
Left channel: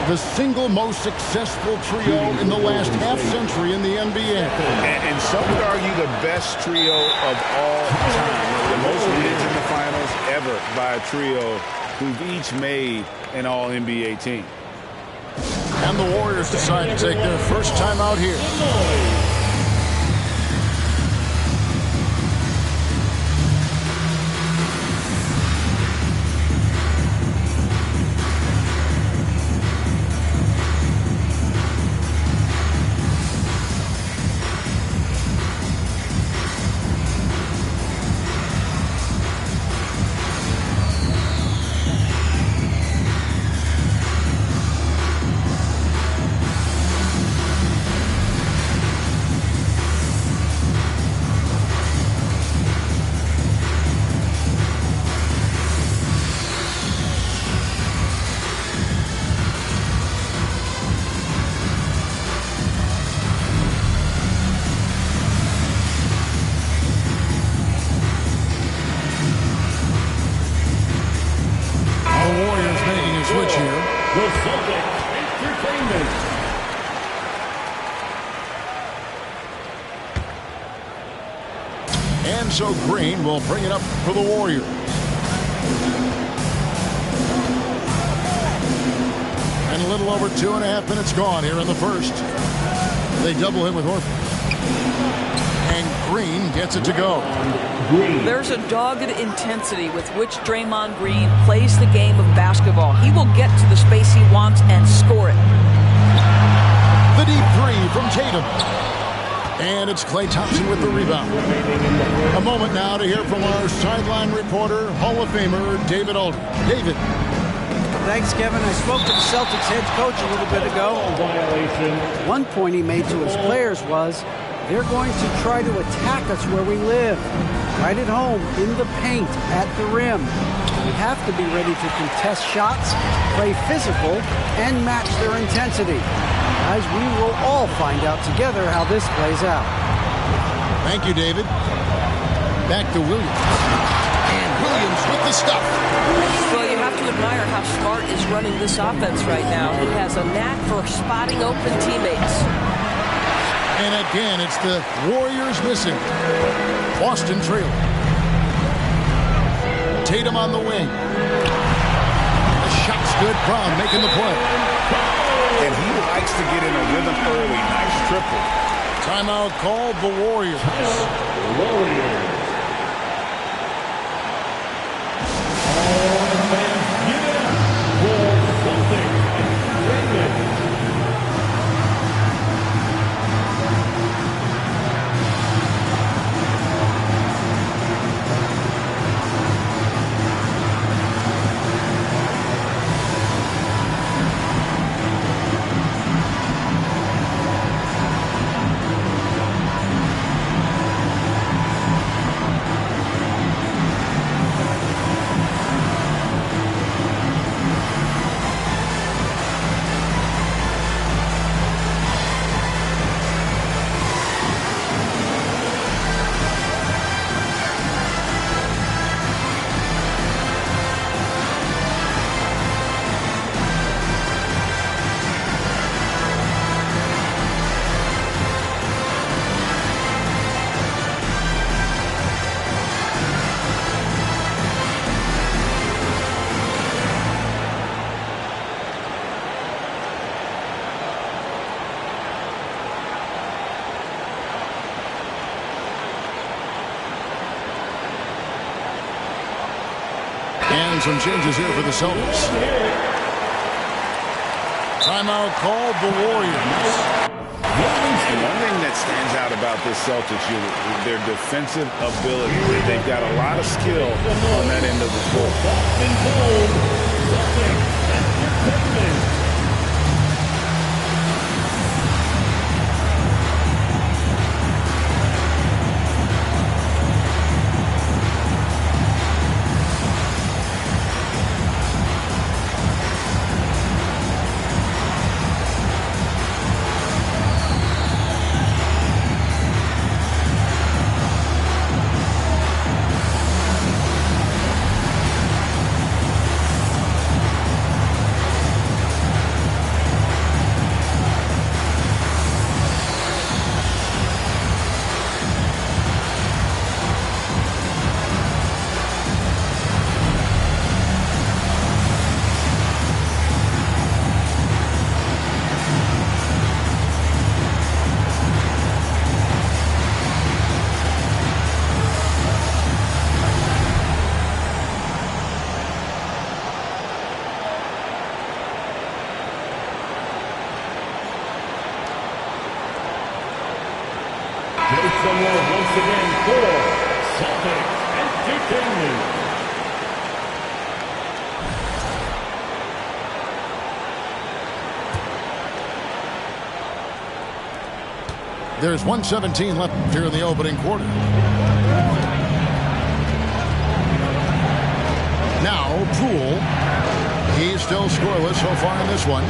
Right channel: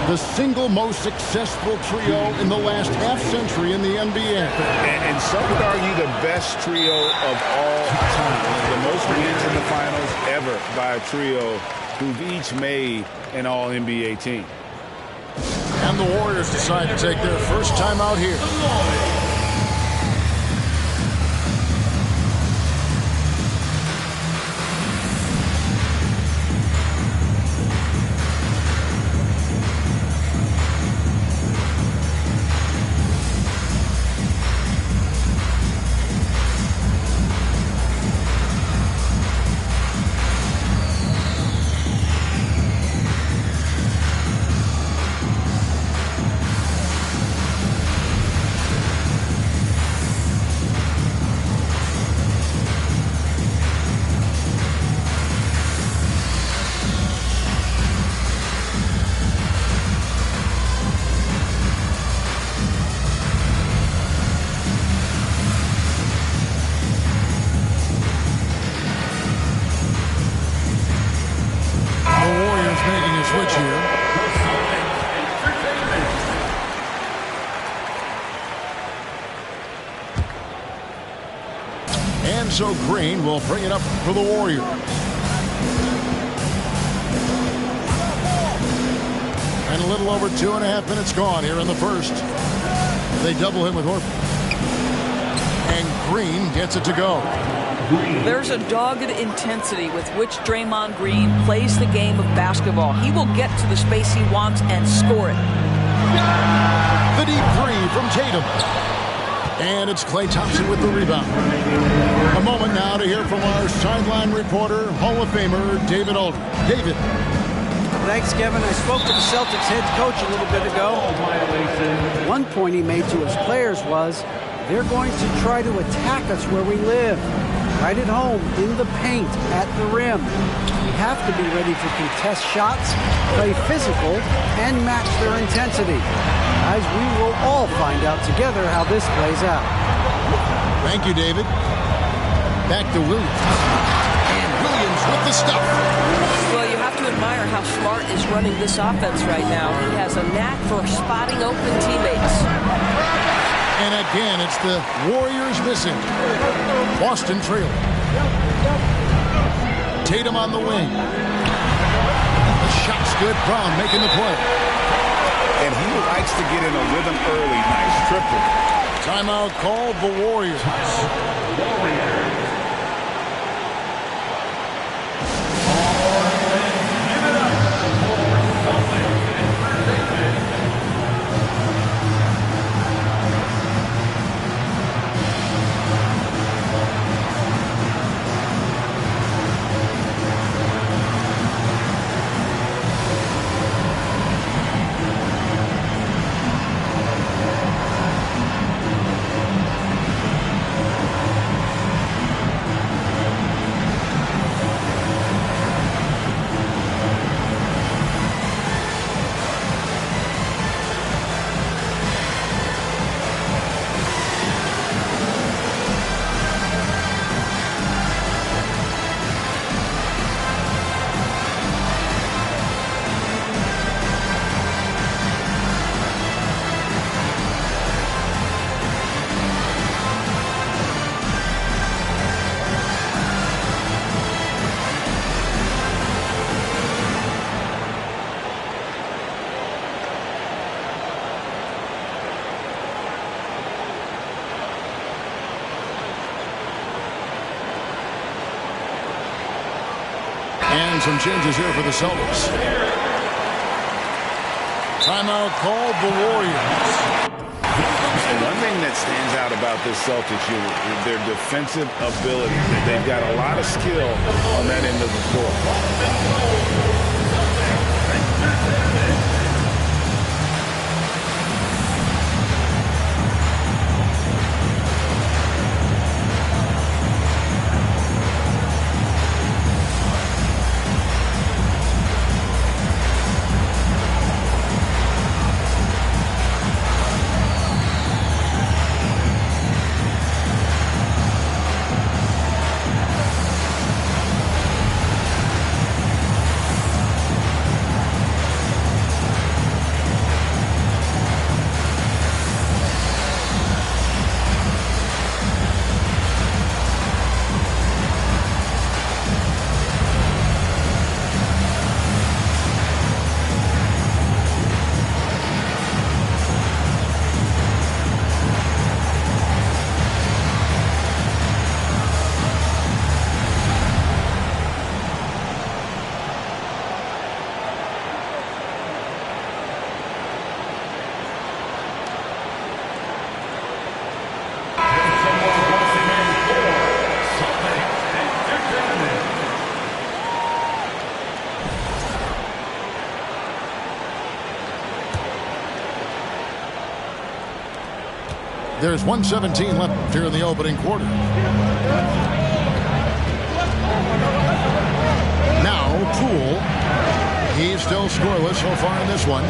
The single most successful trio in the last half-century in the NBA. And some would argue the best trio of all time. The most wins in the finals ever by a trio who've each made an all-NBA team. And the Warriors decide to take their first time out here. Switch here. And so Green will bring it up for the Warriors. And a little over 2.5 minutes gone here in the first. They double him with Horford. And Green gets it to go. There's a dogged intensity with which Draymond Green plays the game of basketball. He will get to the space he wants and score it. The deep 3 from Tatum. And it's Klay Thompson with the rebound. A moment now to hear from our sideline reporter, Hall of Famer David Aldridge. David. Thanks, Kevin. I spoke with the Celtics head coach a little bit ago. One point he made to his players was, they're going to try to attack us where we live. Right at home, in the paint, at the rim. We have to be ready to contest shots, play physical, and match their intensity. Guys, we will all find out together how this plays out. Thank you, David. Back to Williams. And Williams with the stuff. Well, you have to admire how Smart is running this offense right now. He has a knack for spotting open teammates. And again, it's the Warriors missing. Boston trailing. Tatum on the wing. The shot's good. Brown making the play. And he likes to get in a rhythm early. Nice triple. Timeout called the Warriors. And some changes here for the Celtics. Timeout called the Warriors. And one thing that stands out about this Celtics, their defensive ability. They've got a lot of skill on that end of the floor. There's 1:17 left here in the opening quarter. Now, Poole. He's still scoreless so far in this one.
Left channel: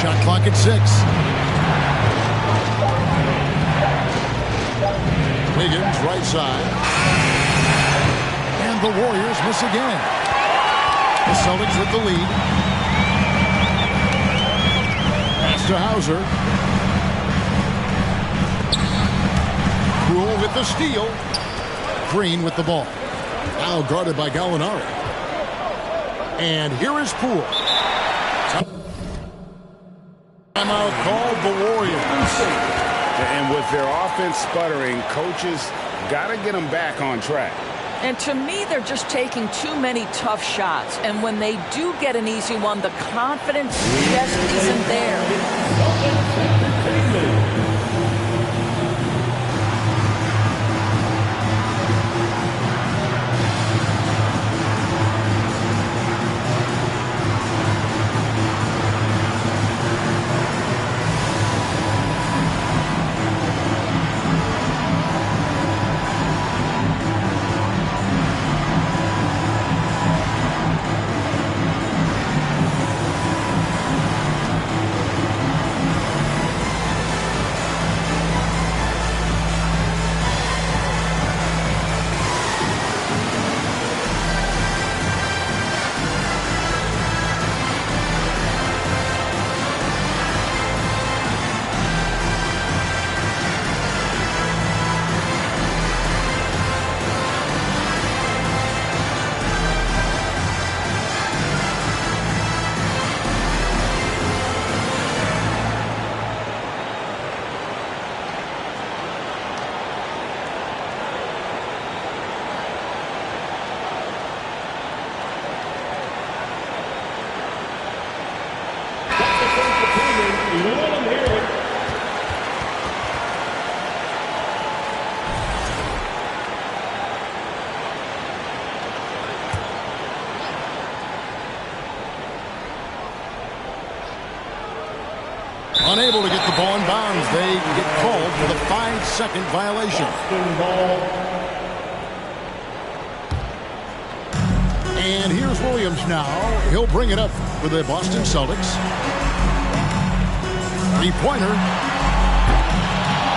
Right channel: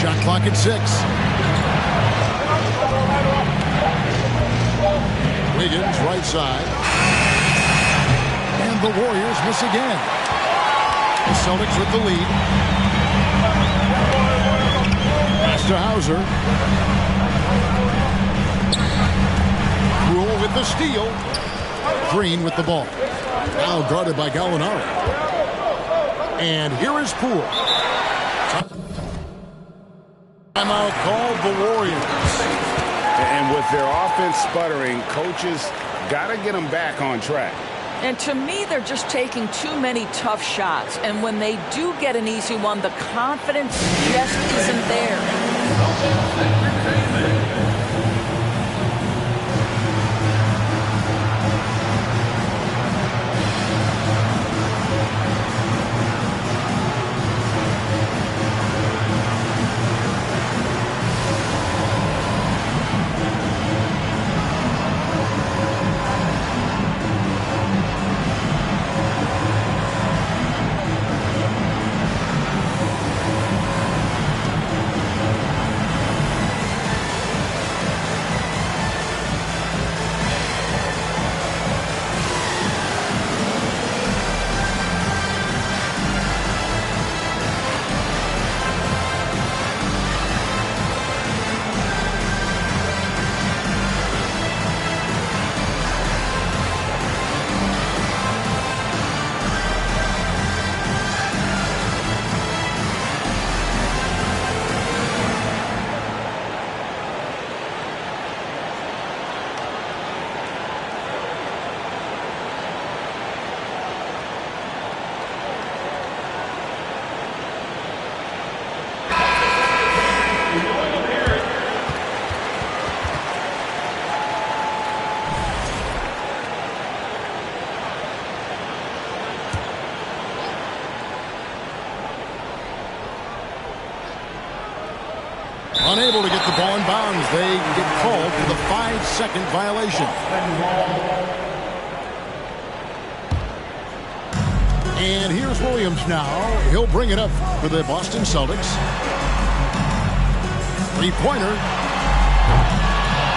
Shot clock at 6. Wiggins, right side. And the Warriors miss again. The Celtics with the lead. To Hauser. Poole with the steal. Green with the ball. Now guarded by Gallinari. And here is Poole. Timeout called the Warriors. And with their offense sputtering, coaches got to get them back on track. And to me, they're just taking too many tough shots. And when they do get an easy one, the confidence just isn't there. Unable to get the ball in bounds. They get called for the 5-second violation. And here's Williams now. He'll bring it up for the Boston Celtics. Three-pointer.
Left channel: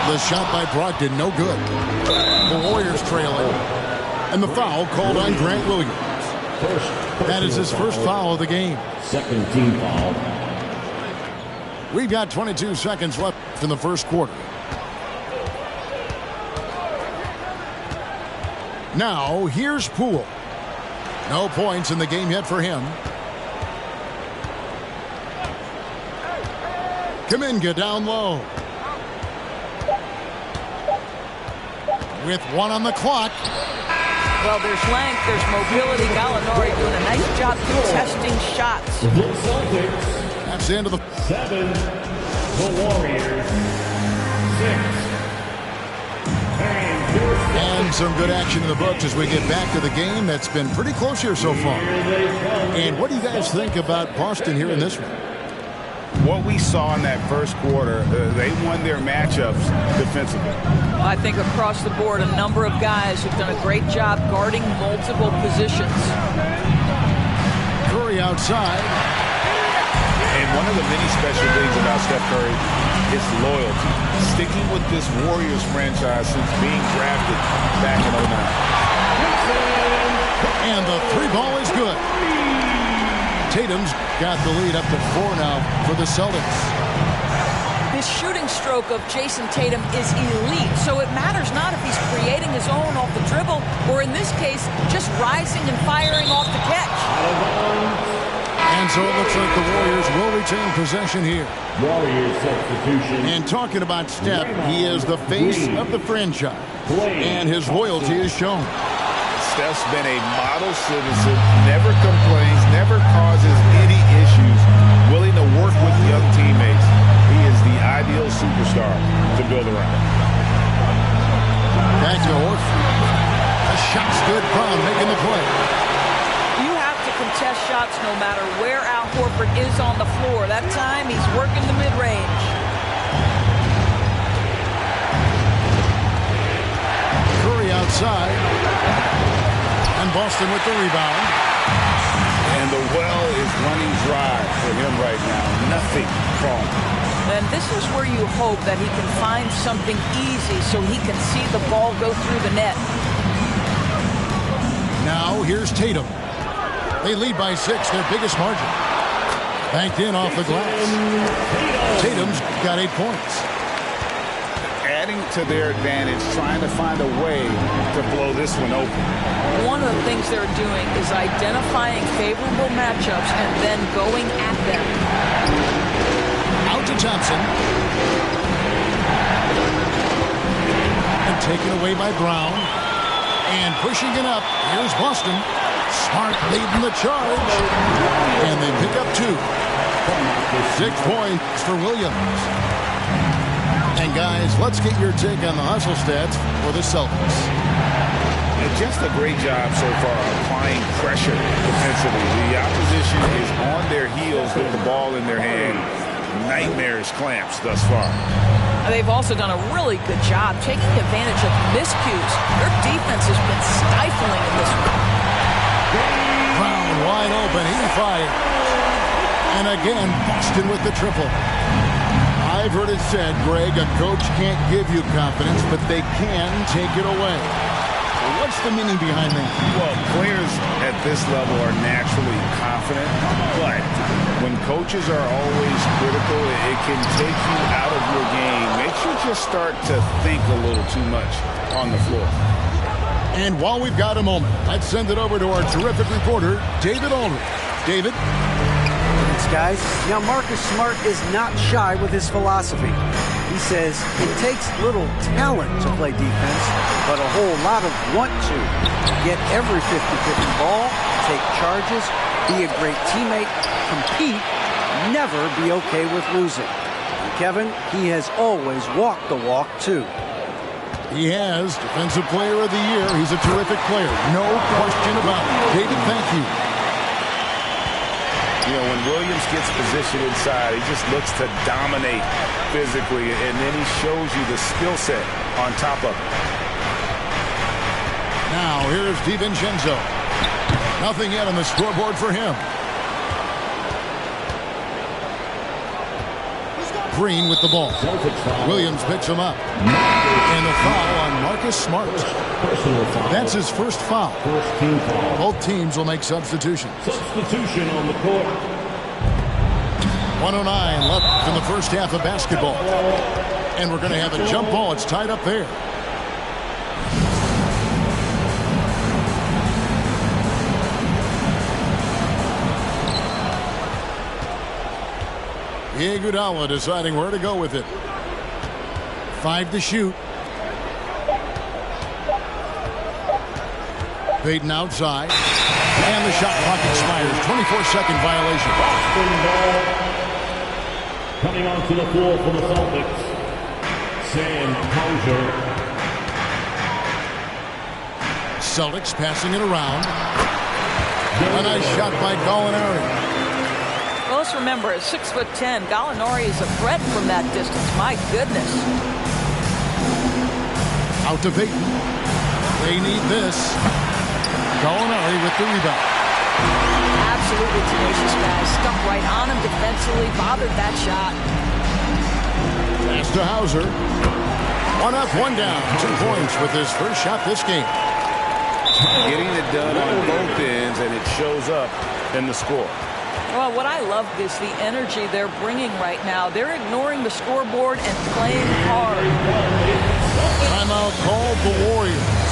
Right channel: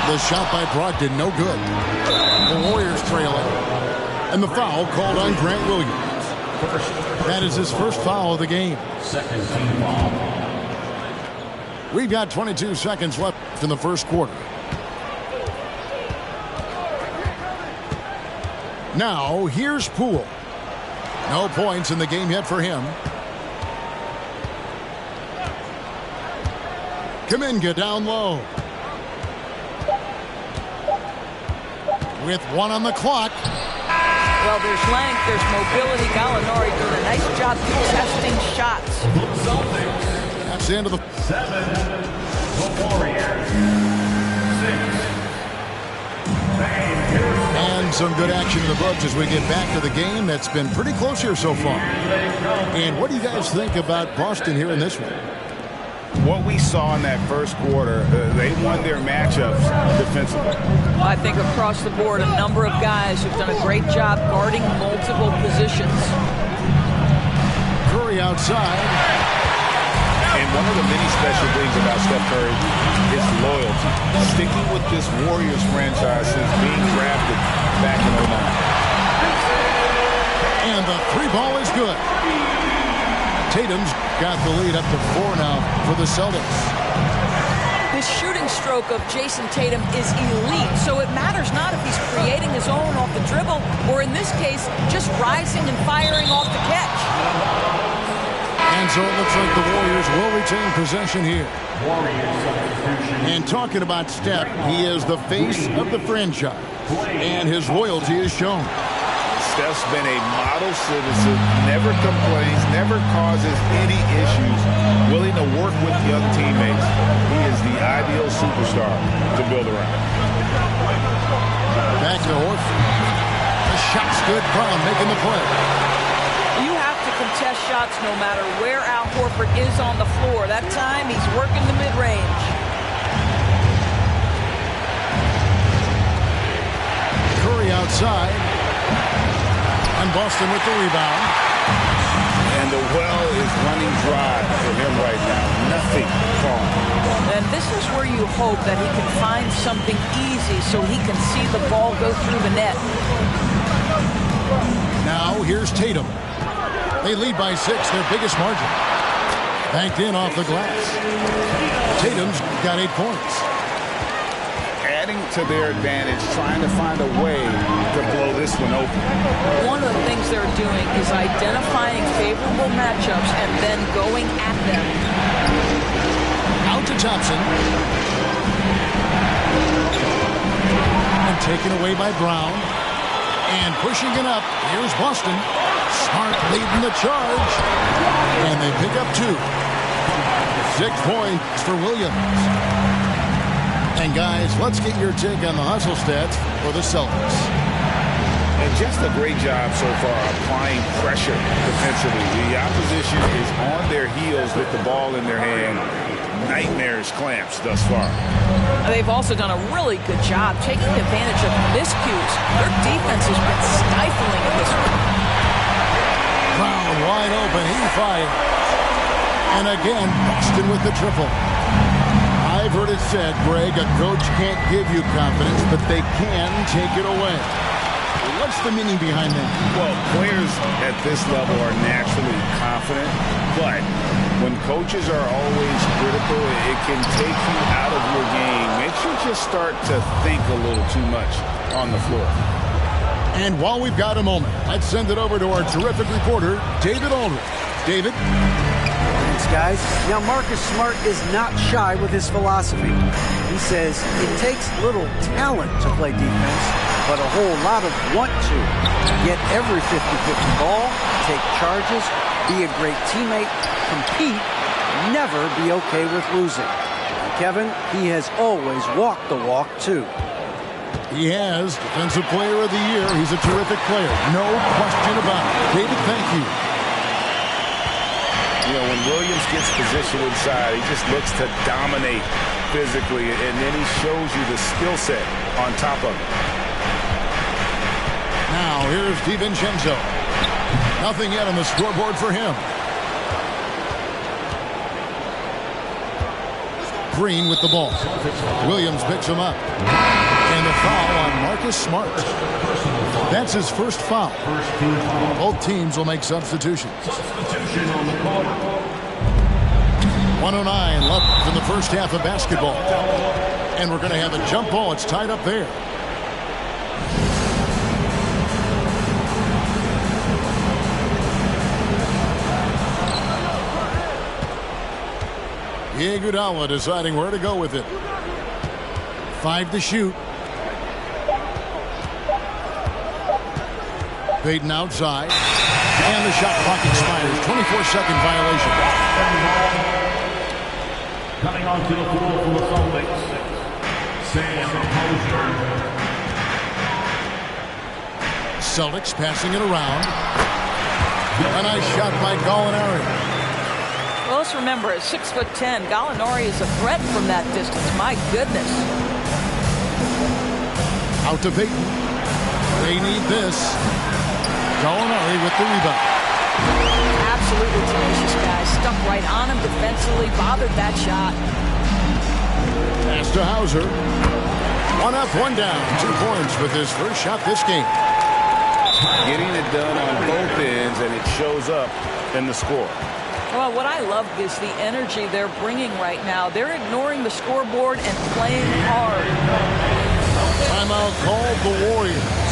The shot by Brogdon, no good. The Warriors trailing. And the foul called on Grant Williams. That is his first foul of the game. Second team foul. We've got 22 seconds left in the first quarter. Now, here's Poole. No points in the game yet for him. Kuminga down low. With one on the clock. Well, there's length, there's mobility. Gallinari doing a nice job contesting shots. That's the end of the 7. The Warriors 6. And some good action in the books as we get back to the game that's been pretty close here so far. And what do you guys think about Boston here in this one? What we saw in that first quarter, they won their matchups defensively. I think across the board, a number of guys who've done a great job guarding multiple positions. Curry outside. And one of the many special things about Steph Curry is loyalty. Sticking with this Warriors franchise since being drafted back in 09. And the three ball is good. Tatum's got the lead up to 4 now for the Celtics. The shooting stroke of Jason Tatum is elite, so it matters not if he's creating his own off the dribble or, in this case, just rising and firing off the catch. And so it looks like the Warriors will retain possession here. Warriors substitution. And talking about Steph, he is the face of the franchise. And his loyalty is shown. Steph's been a model citizen, never complains, never causes any issues, willing to work with young teammates. He is the ideal superstar to build around. Back to Horford. The shot's good. Brown making the play. You have to contest shots no matter where Al Horford is on the floor. That time, he's working the mid-range. Curry outside. And Boston with the rebound. And the well is running dry for him right now. Nothing falling. And this is where you hope that he can find something easy so he can see the ball go through the net. Now here's Tatum. They lead by 6, their biggest margin. Banked in off the glass. Tatum's got 8 points. Adding to their advantage, trying to find a way to blow this one open. One of the things they're doing is identifying favorable matchups and then going at them. Out to Thompson. And taken away by Brown. And pushing it up, here's Boston. Smart leading the charge. And they pick up 2. 6 points for Williams. And guys, let's get your take on the hustle stats for the Celtics. And just a great job so far applying pressure defensively. The opposition is on their heels with the ball in their hand. Nightmares clamps thus far. They've also done a really good job taking advantage of miscues. Their defense has been stifling in this one. Brown wide open. He fires. And again, Boston with the triple. I've heard it said, Greg, a coach can't give you confidence, but they can take it away. What's the meaning behind that? Well, players at this level are naturally confident, but when coaches are always critical, it can take you out of your game. Makes you just start to think a little too much on the floor. And while we've got a moment, let's send it over to our terrific reporter, David Aldridge. David? Thanks, guys. Now, Marcus Smart is not shy with his philosophy. He says it takes little talent to play defense, but a whole lot of want to. Get every 50-50 ball, take charges, be a great teammate, compete, never be okay with losing. And Kevin, he has always walked the walk, too. He has Defensive Player of the Year. He's a terrific player. No question about it. David, thank you. You know, when Williams gets positioned inside, he just looks to dominate physically, and then he shows you the skill set on top of it. Now, here's DiVincenzo. Nothing yet on the scoreboard for him. Green with the ball. Williams picks him up. And the foul on Marcus Smart. That's his first foul. Both teams will make substitutions. Substitution on the court. 1:09 left in the first half of basketball. And we're going to have a jump ball. It's tied up there. Iguodala deciding where to go with it. 5 to shoot. Payton outside. And the shot clock expires. 24-second violation. Coming onto the floor for the Celtics, Sam Hauser. Celtics passing it around. A nice shot by Gallinari. Well, let's remember, at 6'10", Gallinari is a threat from that distance. My goodness. Out to Payton. They need this. Gallinari with the rebound. Absolutely tenacious, guys. Stuck right on him defensively, bothered that shot. Pass to Hauser. 1 up, 1 down. 2 points with his first shot this game. Getting it done on both ends, and it shows up in the score. Well, what I love is the energy they're bringing right now. They're ignoring the scoreboard and playing hard. Timeout called the Warriors.